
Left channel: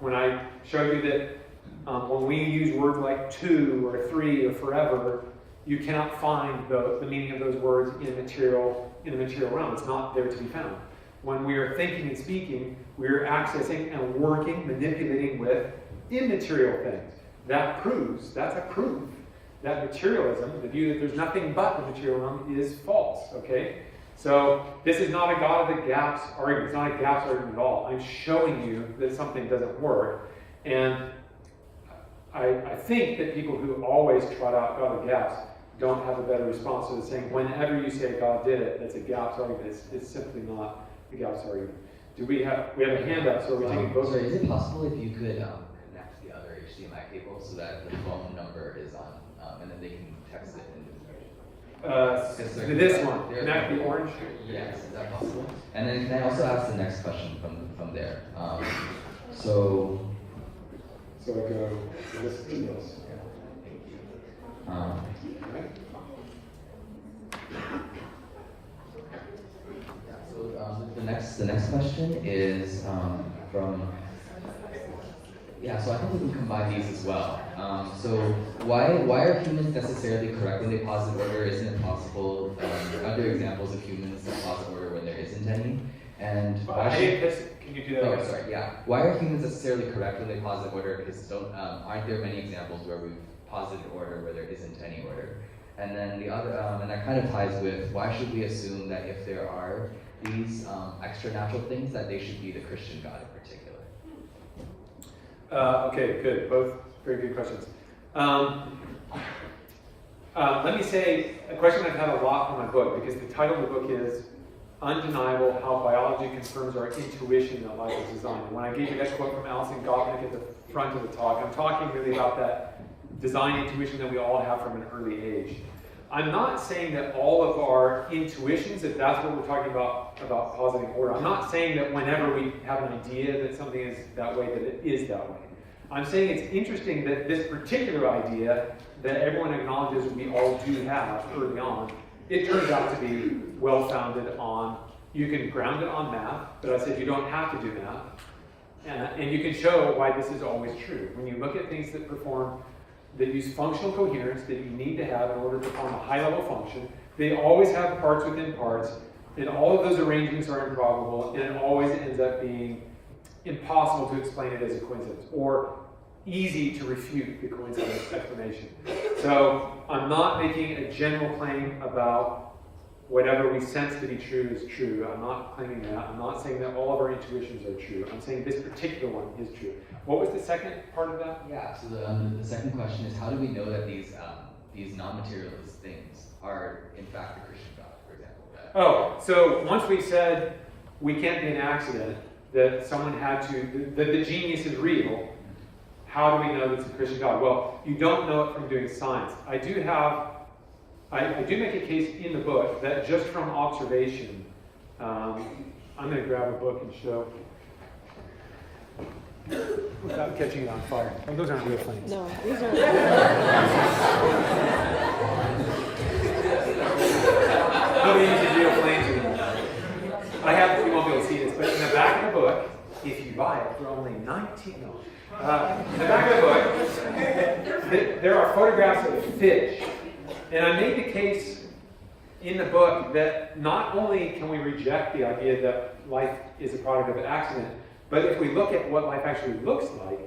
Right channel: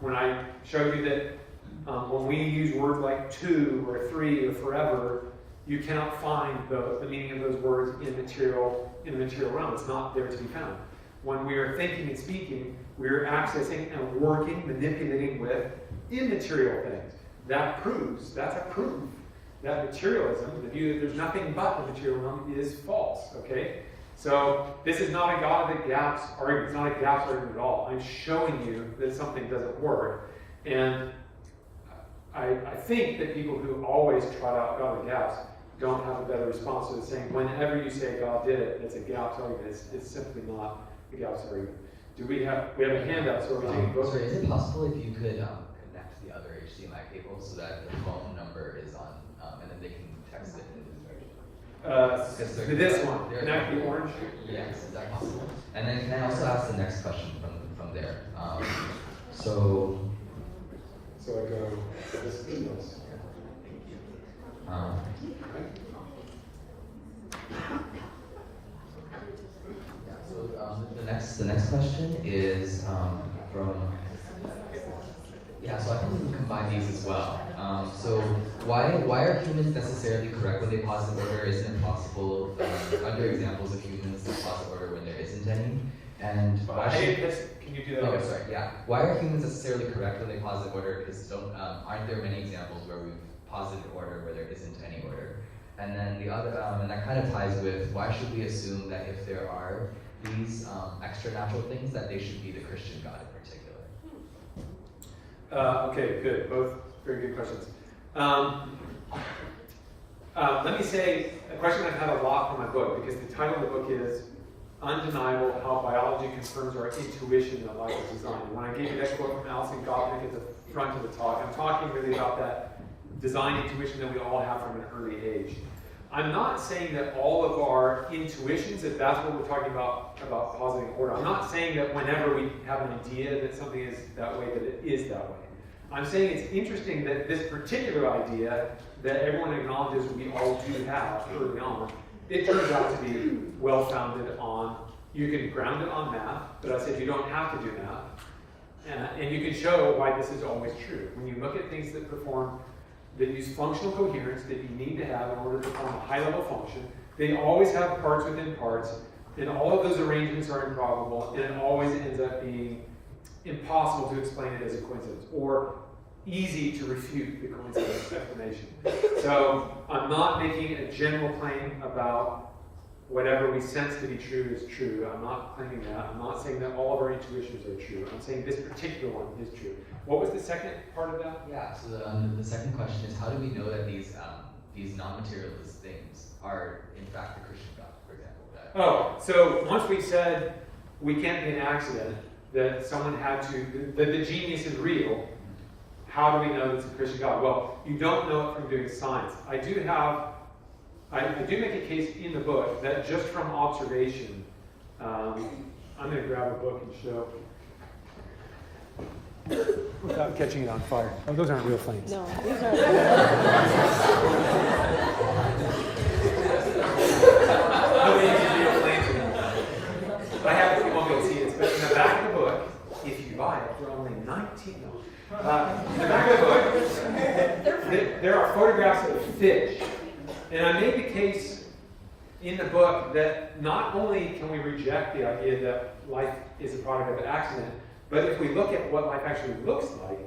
When I showed you that when we use words like to or three or forever, you cannot find the meaning of those words in the material realm. It's not there to be found. When we are thinking and speaking, we are accessing and working, manipulating with immaterial things. That's a proof that materialism, the view that there's nothing but the material realm, is false. Okay? So this is not a God of the gaps argument. It's not a gaps argument at all. I'm showing you that something doesn't work. And I think that people who always trot out God of gaps don't have a better response to the saying, whenever you say God did it, it's a gaps argument. It's simply not a gaps argument. We have a hand up, so we're taking both. So is it possible if you could connect the other HDMI cable so that the phone number is on, and then they can text it in this direction? This one, connect the orange. Yes, is that possible? And then can I also ask the next question from there? So I go this. Yes. The next question is so I think we can combine these as well. So why are humans necessarily correct when they posit order isn't possible? Are there examples of humans that posit order when there isn't any? And why can you do that? Oh, sorry, yeah. Why are humans necessarily correct when they posit order? Because aren't there many examples where we've posited order where there isn't any order? And then the other, and that kind of ties with, why should we assume that if there are these extra natural things, that they should be the Christian God in particular? Okay, good. Both very good questions. Let me say a question I've had a lot for my book, because the title of the book is Undeniable: How Biology Confirms Our Intuition That Life is Designed. When I gave you that quote from Alison Gopnik at the front of the talk, I'm talking really about that design intuition that we all have from an early age. I'm not saying that all of our intuitions, if that's what we're talking about positing order, I'm not saying that whenever we have an idea that something is that way, that it is that way. I'm saying it's interesting that this particular idea that everyone acknowledges we all do have early on, it turns out to be well-founded on, you can ground it on math, but I said you don't have to do math. And you can show why this is always true. When you look at things that use functional coherence that you need to have in order to perform a high-level function, they always have parts within parts, and all of those arrangements are improbable, and it always ends up being impossible to explain it as a coincidence, or easy to refute the coincidence explanation. So I'm not making a general claim about whatever we sense to be true is true. I'm not claiming that. I'm not saying that all of our intuitions are true. I'm saying this particular one is true. What was the second part of that? Yeah, so the second question is, how do we know that these non-materialist things are in fact the Christian God, for example? So once we said we can't be an accident, that someone had to, that the genius is real, how do we know that it's a Christian God? Well, you don't know it from doing science. I do make a case in the book that just from observation, I'm going to grab a book and show. Without catching it on fire. Oh, those aren't real flames. No, these are. Nobody uses real flames anymore. You won't be able to see this, but in the back of the book, if you buy it for only $19, in the back of the book, there are photographs of fish. And I made the case in the book that not only can we reject the idea that life is a product of an accident, but if we look at what life actually looks like,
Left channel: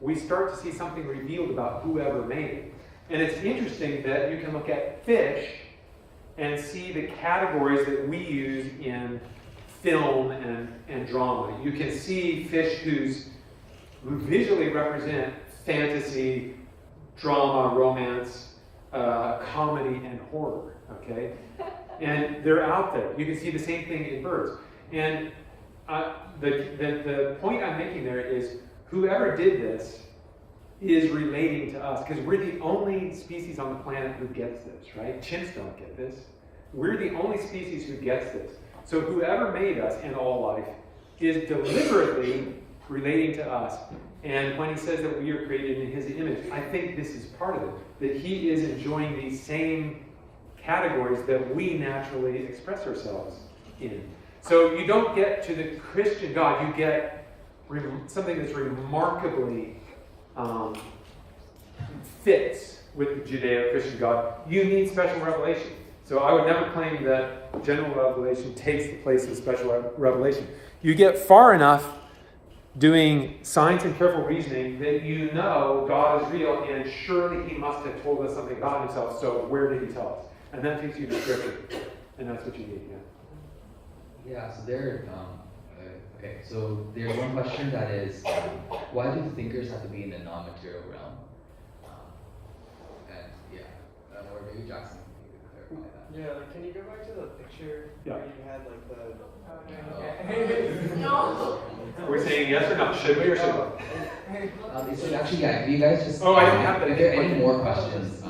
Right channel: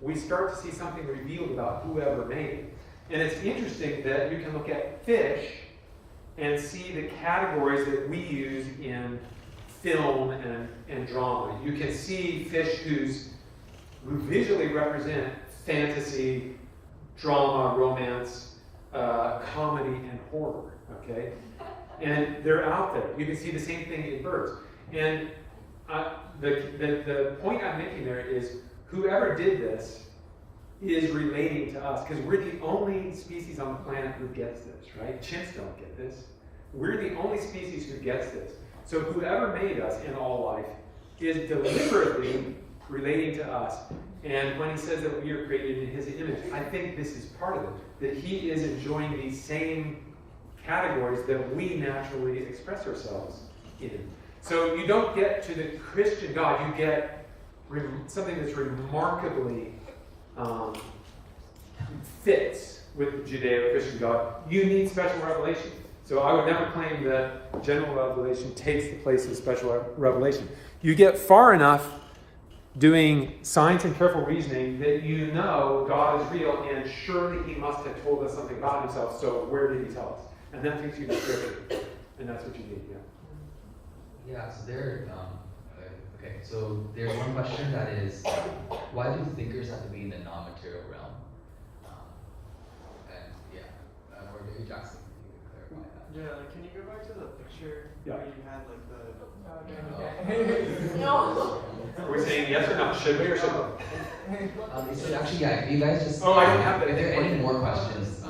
we start to see something revealed about whoever made it. And it's interesting that you can look at fish and see the categories that we use in film and drama. You can see fish who visually represent fantasy, drama, romance, comedy, and horror, okay? And they're out there. You can see the same thing in birds. And the point I'm making there is whoever did this is relating to us, because we're the only species on the planet who gets this, right? Chimps don't get this. We're the only species who gets this. So whoever made us in all life is deliberately relating to us. And when he says that we are created in his image, I think this is part of it. That he is enjoying these same categories that we naturally express ourselves in. So you don't get to the Christian God, you get something that's remarkably fits with the Judeo-Christian God. You need special revelation. So I would never claim that general revelation takes the place of special revelation. You get far enough doing science and careful reasoning that you know God is real, and surely he must have told us something about himself, so where did he tell us? And that takes you to Scripture, and that's what you need, Yeah, so there's one question that is, why do thinkers have to be in the non-material realm? Or maybe Jackson, you could clarify that. Yeah, like, can you go back to the picture Yeah. where you had like the... We're saying yes or no, should we or should we? So actually, yeah, if you guys just... Oh, I don't have that. If there are any more questions,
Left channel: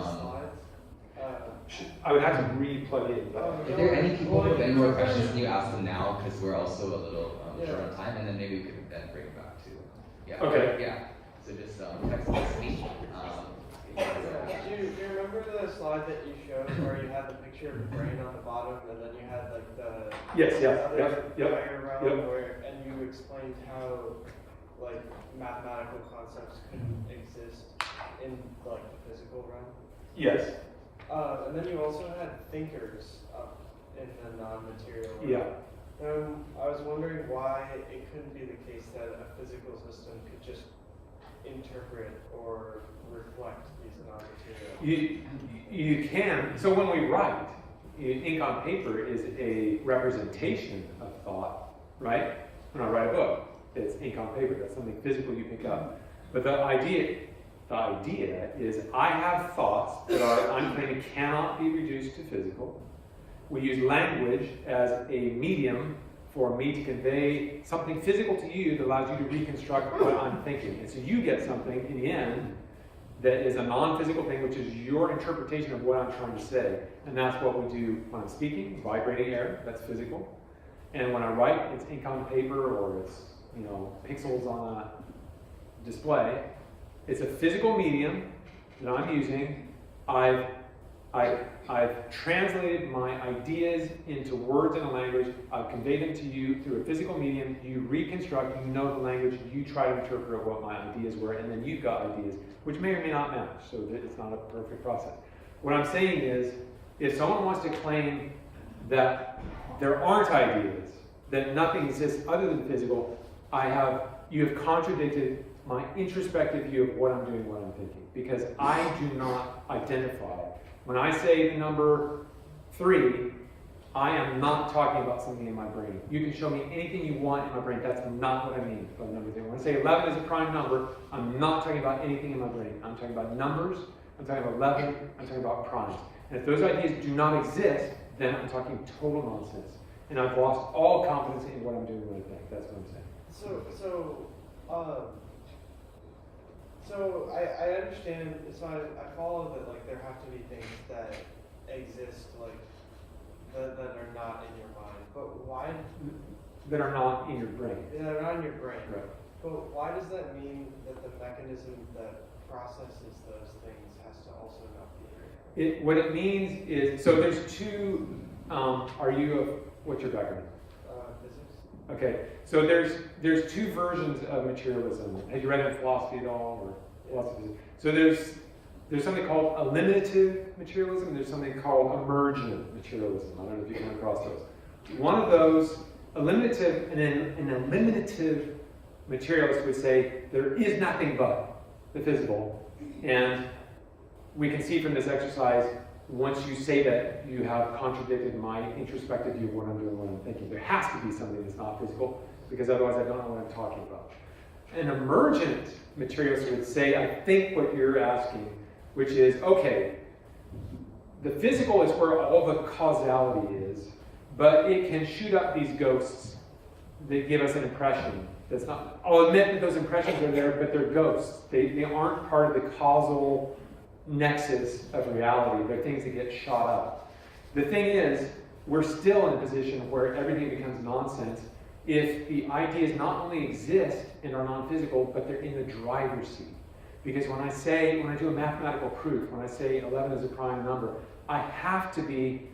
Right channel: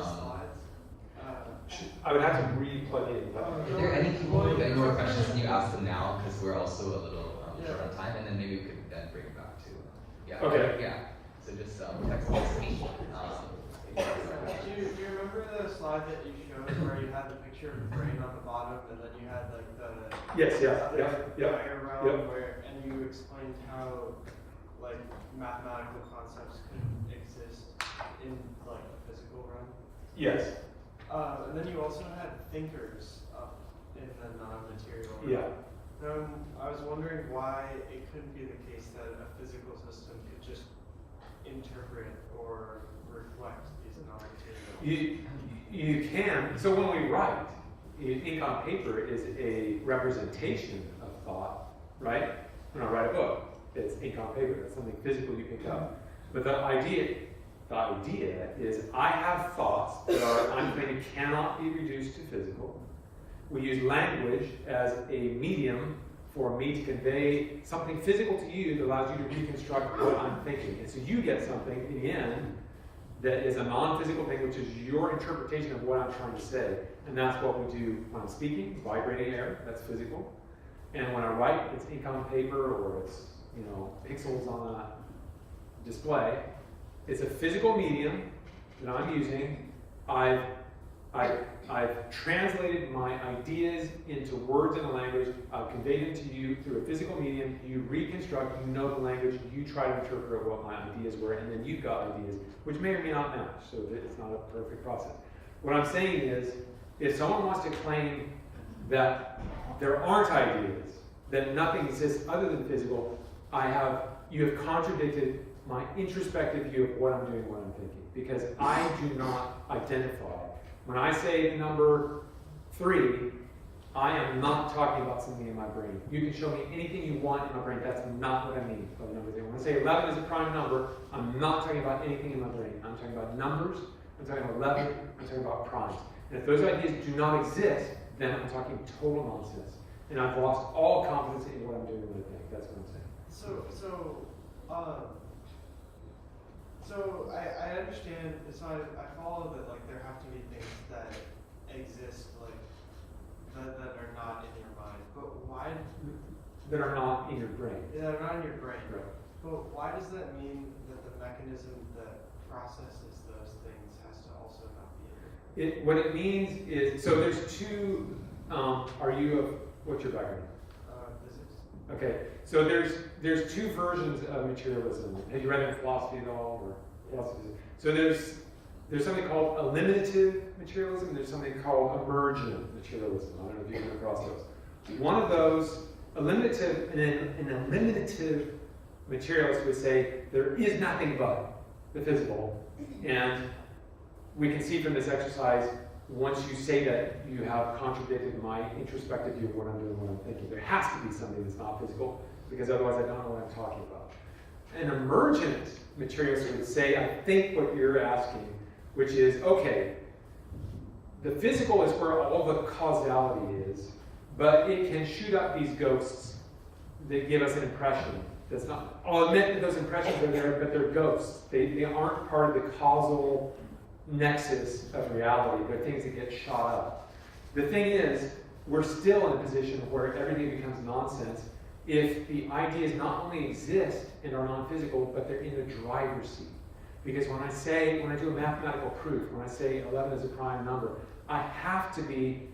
I would have to re-plug in. But if there are any people with any more questions, can you ask them now? Because we're also a little short on time, and then maybe we could then bring it back to... Yeah. Okay. Yeah. So just text me. Do you remember the slide that you showed where you had the picture of the brain on the bottom and then you had like the Yes, yeah, other yeah, diagram yeah. where, and you explained how like mathematical concepts couldn't exist in like the physical realm? Yes. And then you also had thinkers up in the non-material realm. Yeah. I was wondering why it couldn't be the case that a physical system could just interpret or reflect these non-material. You can. So when we write, ink on paper is a representation of thought, right? When I write a book, it's ink on paper. That's something physical you pick up. But the idea is I have thoughts that I'm claiming cannot be reduced to physical. We use language as a medium for me to convey something physical to you that allows you to reconstruct what I'm thinking. And so you get something in the end that is a non-physical thing, which is your interpretation of what I'm trying to say. And that's what we do when I'm speaking, vibrating air, that's physical. And when I write, it's ink on paper or it's, pixels on a display. It's a physical medium that I'm using. I've translated my ideas into words and a language. I've conveyed them to you through a physical medium. You reconstruct, you know the language, you try to interpret what my ideas were, and then you've got ideas, which may or may not match, so that it's not a perfect process. What I'm saying is, if someone wants to claim that there aren't ideas, that nothing exists other than physical, you have contradicted my introspective view of what I'm doing, what I'm thinking, because I do not identify. When I say the number 3, I am not talking about something in my brain. You can show me anything you want in my brain. That's not what I mean by the number 3. When I say 11 is a prime number, I'm not talking about anything in my brain. I'm talking about numbers, I'm talking about 11, I'm talking about primes. And if those ideas do not exist, then I'm talking total nonsense. And I've lost all confidence in what I'm doing with it. That's what I'm saying. So I understand, so I follow that like there have to be things that exist like that are not in your mind. But why that are not in your brain. That are not in your brain. Right. But why does that mean that the mechanism that processes those things has to also not be there? What it means is, so there's two, what's your background? Physics. Okay, so there's two versions of materialism. Have you read it in philosophy at all, or philosophy? So there's something called eliminative materialism, and there's something called emergent materialism. I don't know if you come across those. One of those, eliminative, and an eliminative materialist would say there is nothing but the physical, and we can see from this exercise, once you say that, you have contradicted my introspective view of what I'm doing, what I'm thinking. There has to be something that's not physical, because otherwise I don't know what I'm talking about. An emergent materialist would say, I think what you're asking, which is, okay, the physical is where all the causality is, but it can shoot up these ghosts that give us an impression that's not. I'll admit that those impressions are there, but they're ghosts. They aren't part of the causal nexus of reality. They're things that get shot up. The thing is, we're still in a position where everything becomes nonsense, if the ideas not only exist and are non-physical, but they're in the driver's seat. Because when I do a mathematical proof, when I say 11 is a prime number, I have to be,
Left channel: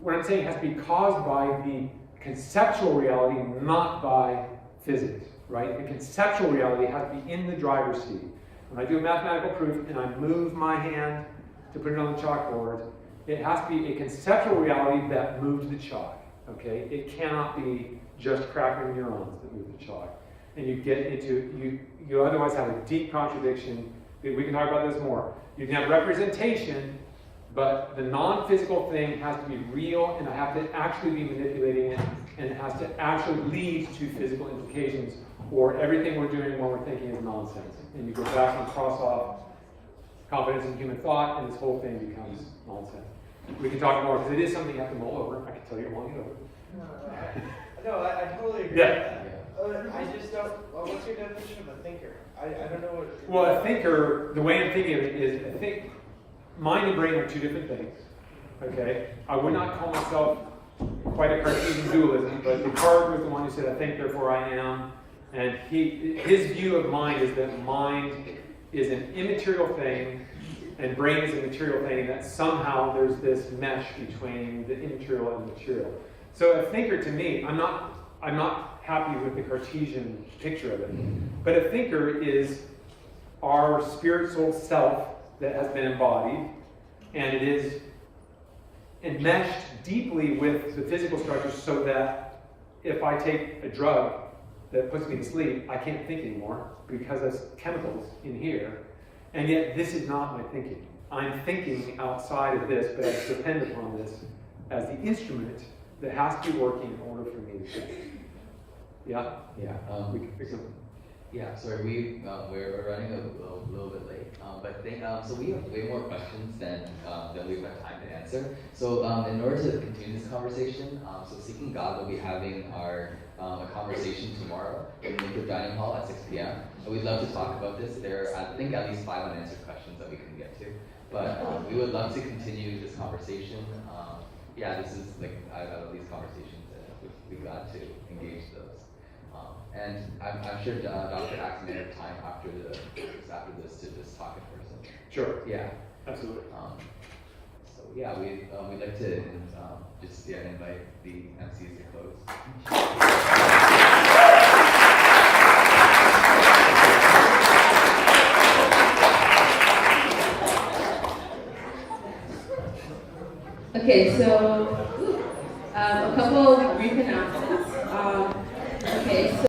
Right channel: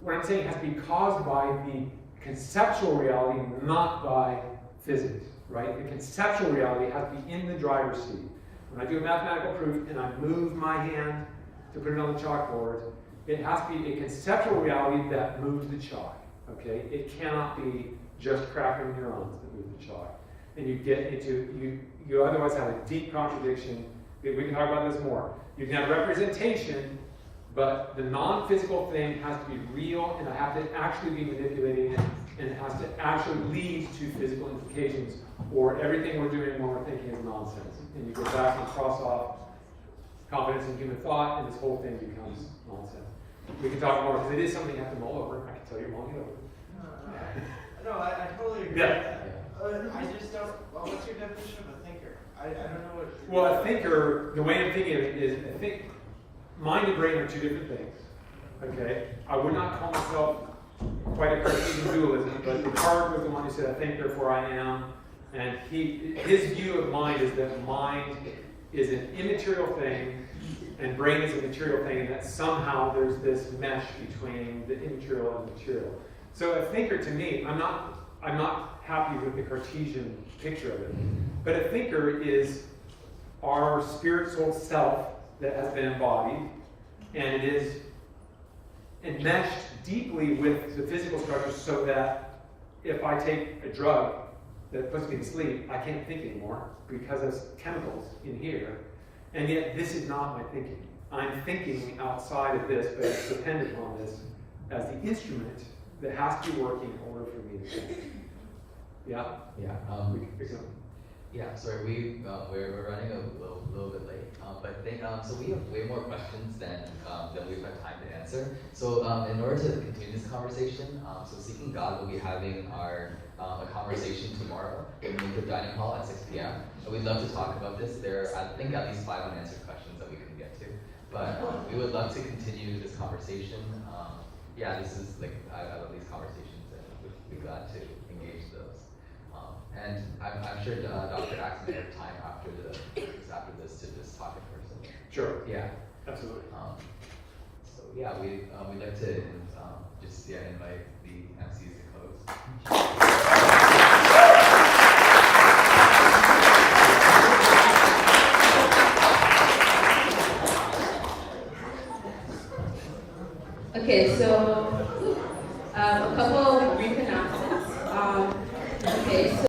what I'm saying has to be caused by the conceptual reality, not by physics, right? The conceptual reality has to be in the driver's seat. When I do a mathematical proof and I move my hand to put it on the chalkboard, it has to be a conceptual reality that moves the chalk, okay? It cannot be just cracking neurons that move the chalk. And you get into, you otherwise have a deep contradiction. We can talk about this more. You can have representation, but the non-physical thing has to be real, and I have to actually be manipulating it, and it has to actually lead to physical implications, or everything we're doing when we're thinking is nonsense. And you go back and cross off confidence in human thought, and this whole thing becomes nonsense. We can talk more, because it is something you have to mull over. I can tell you mulling it over. No, I totally agree Yeah. with that. I just don't, well, what's your definition of a thinker? I don't know what. Well, a thinker, the way I'm thinking of it is, I think mind and brain are two different things. Okay? I would not call myself quite a Cartesian dualism, but Descartes was the one who said, I think, therefore I am. And his view of mind is that mind is an immaterial thing, and brain is a material thing, and that somehow there's this mesh between the immaterial and the material. So a thinker, to me, I'm not happy with the Cartesian picture of it, but a thinker is our spiritual self that has been embodied, and it is enmeshed deeply with the physical structure, so that if I take a drug that puts me to sleep, I can't think anymore because of chemicals in here, and yet this is not my thinking. I'm thinking outside of this, but it's dependent on this as the instrument that has to be working in order for me to think. Yeah? Yeah. Yeah, sorry, we're running a little bit late, but so we have way more questions than we've got time to answer. So in order to continue this conversation, so Seeking God will be having a conversation tomorrow in the Lincoln Dining Hall at 6 p.m. And we'd love to talk about this. There are, I think, at least 5 unanswered questions that we couldn't get to, but we would love to continue this conversation. Yeah, this is like out of these conversations that we've got to engage those. And I'm sure Dr. Axe may have time after this to just talk in person. Sure. Yeah. Absolutely. So yeah, we'd like to just invite the MCs to close. Okay, so a couple of brief announcements.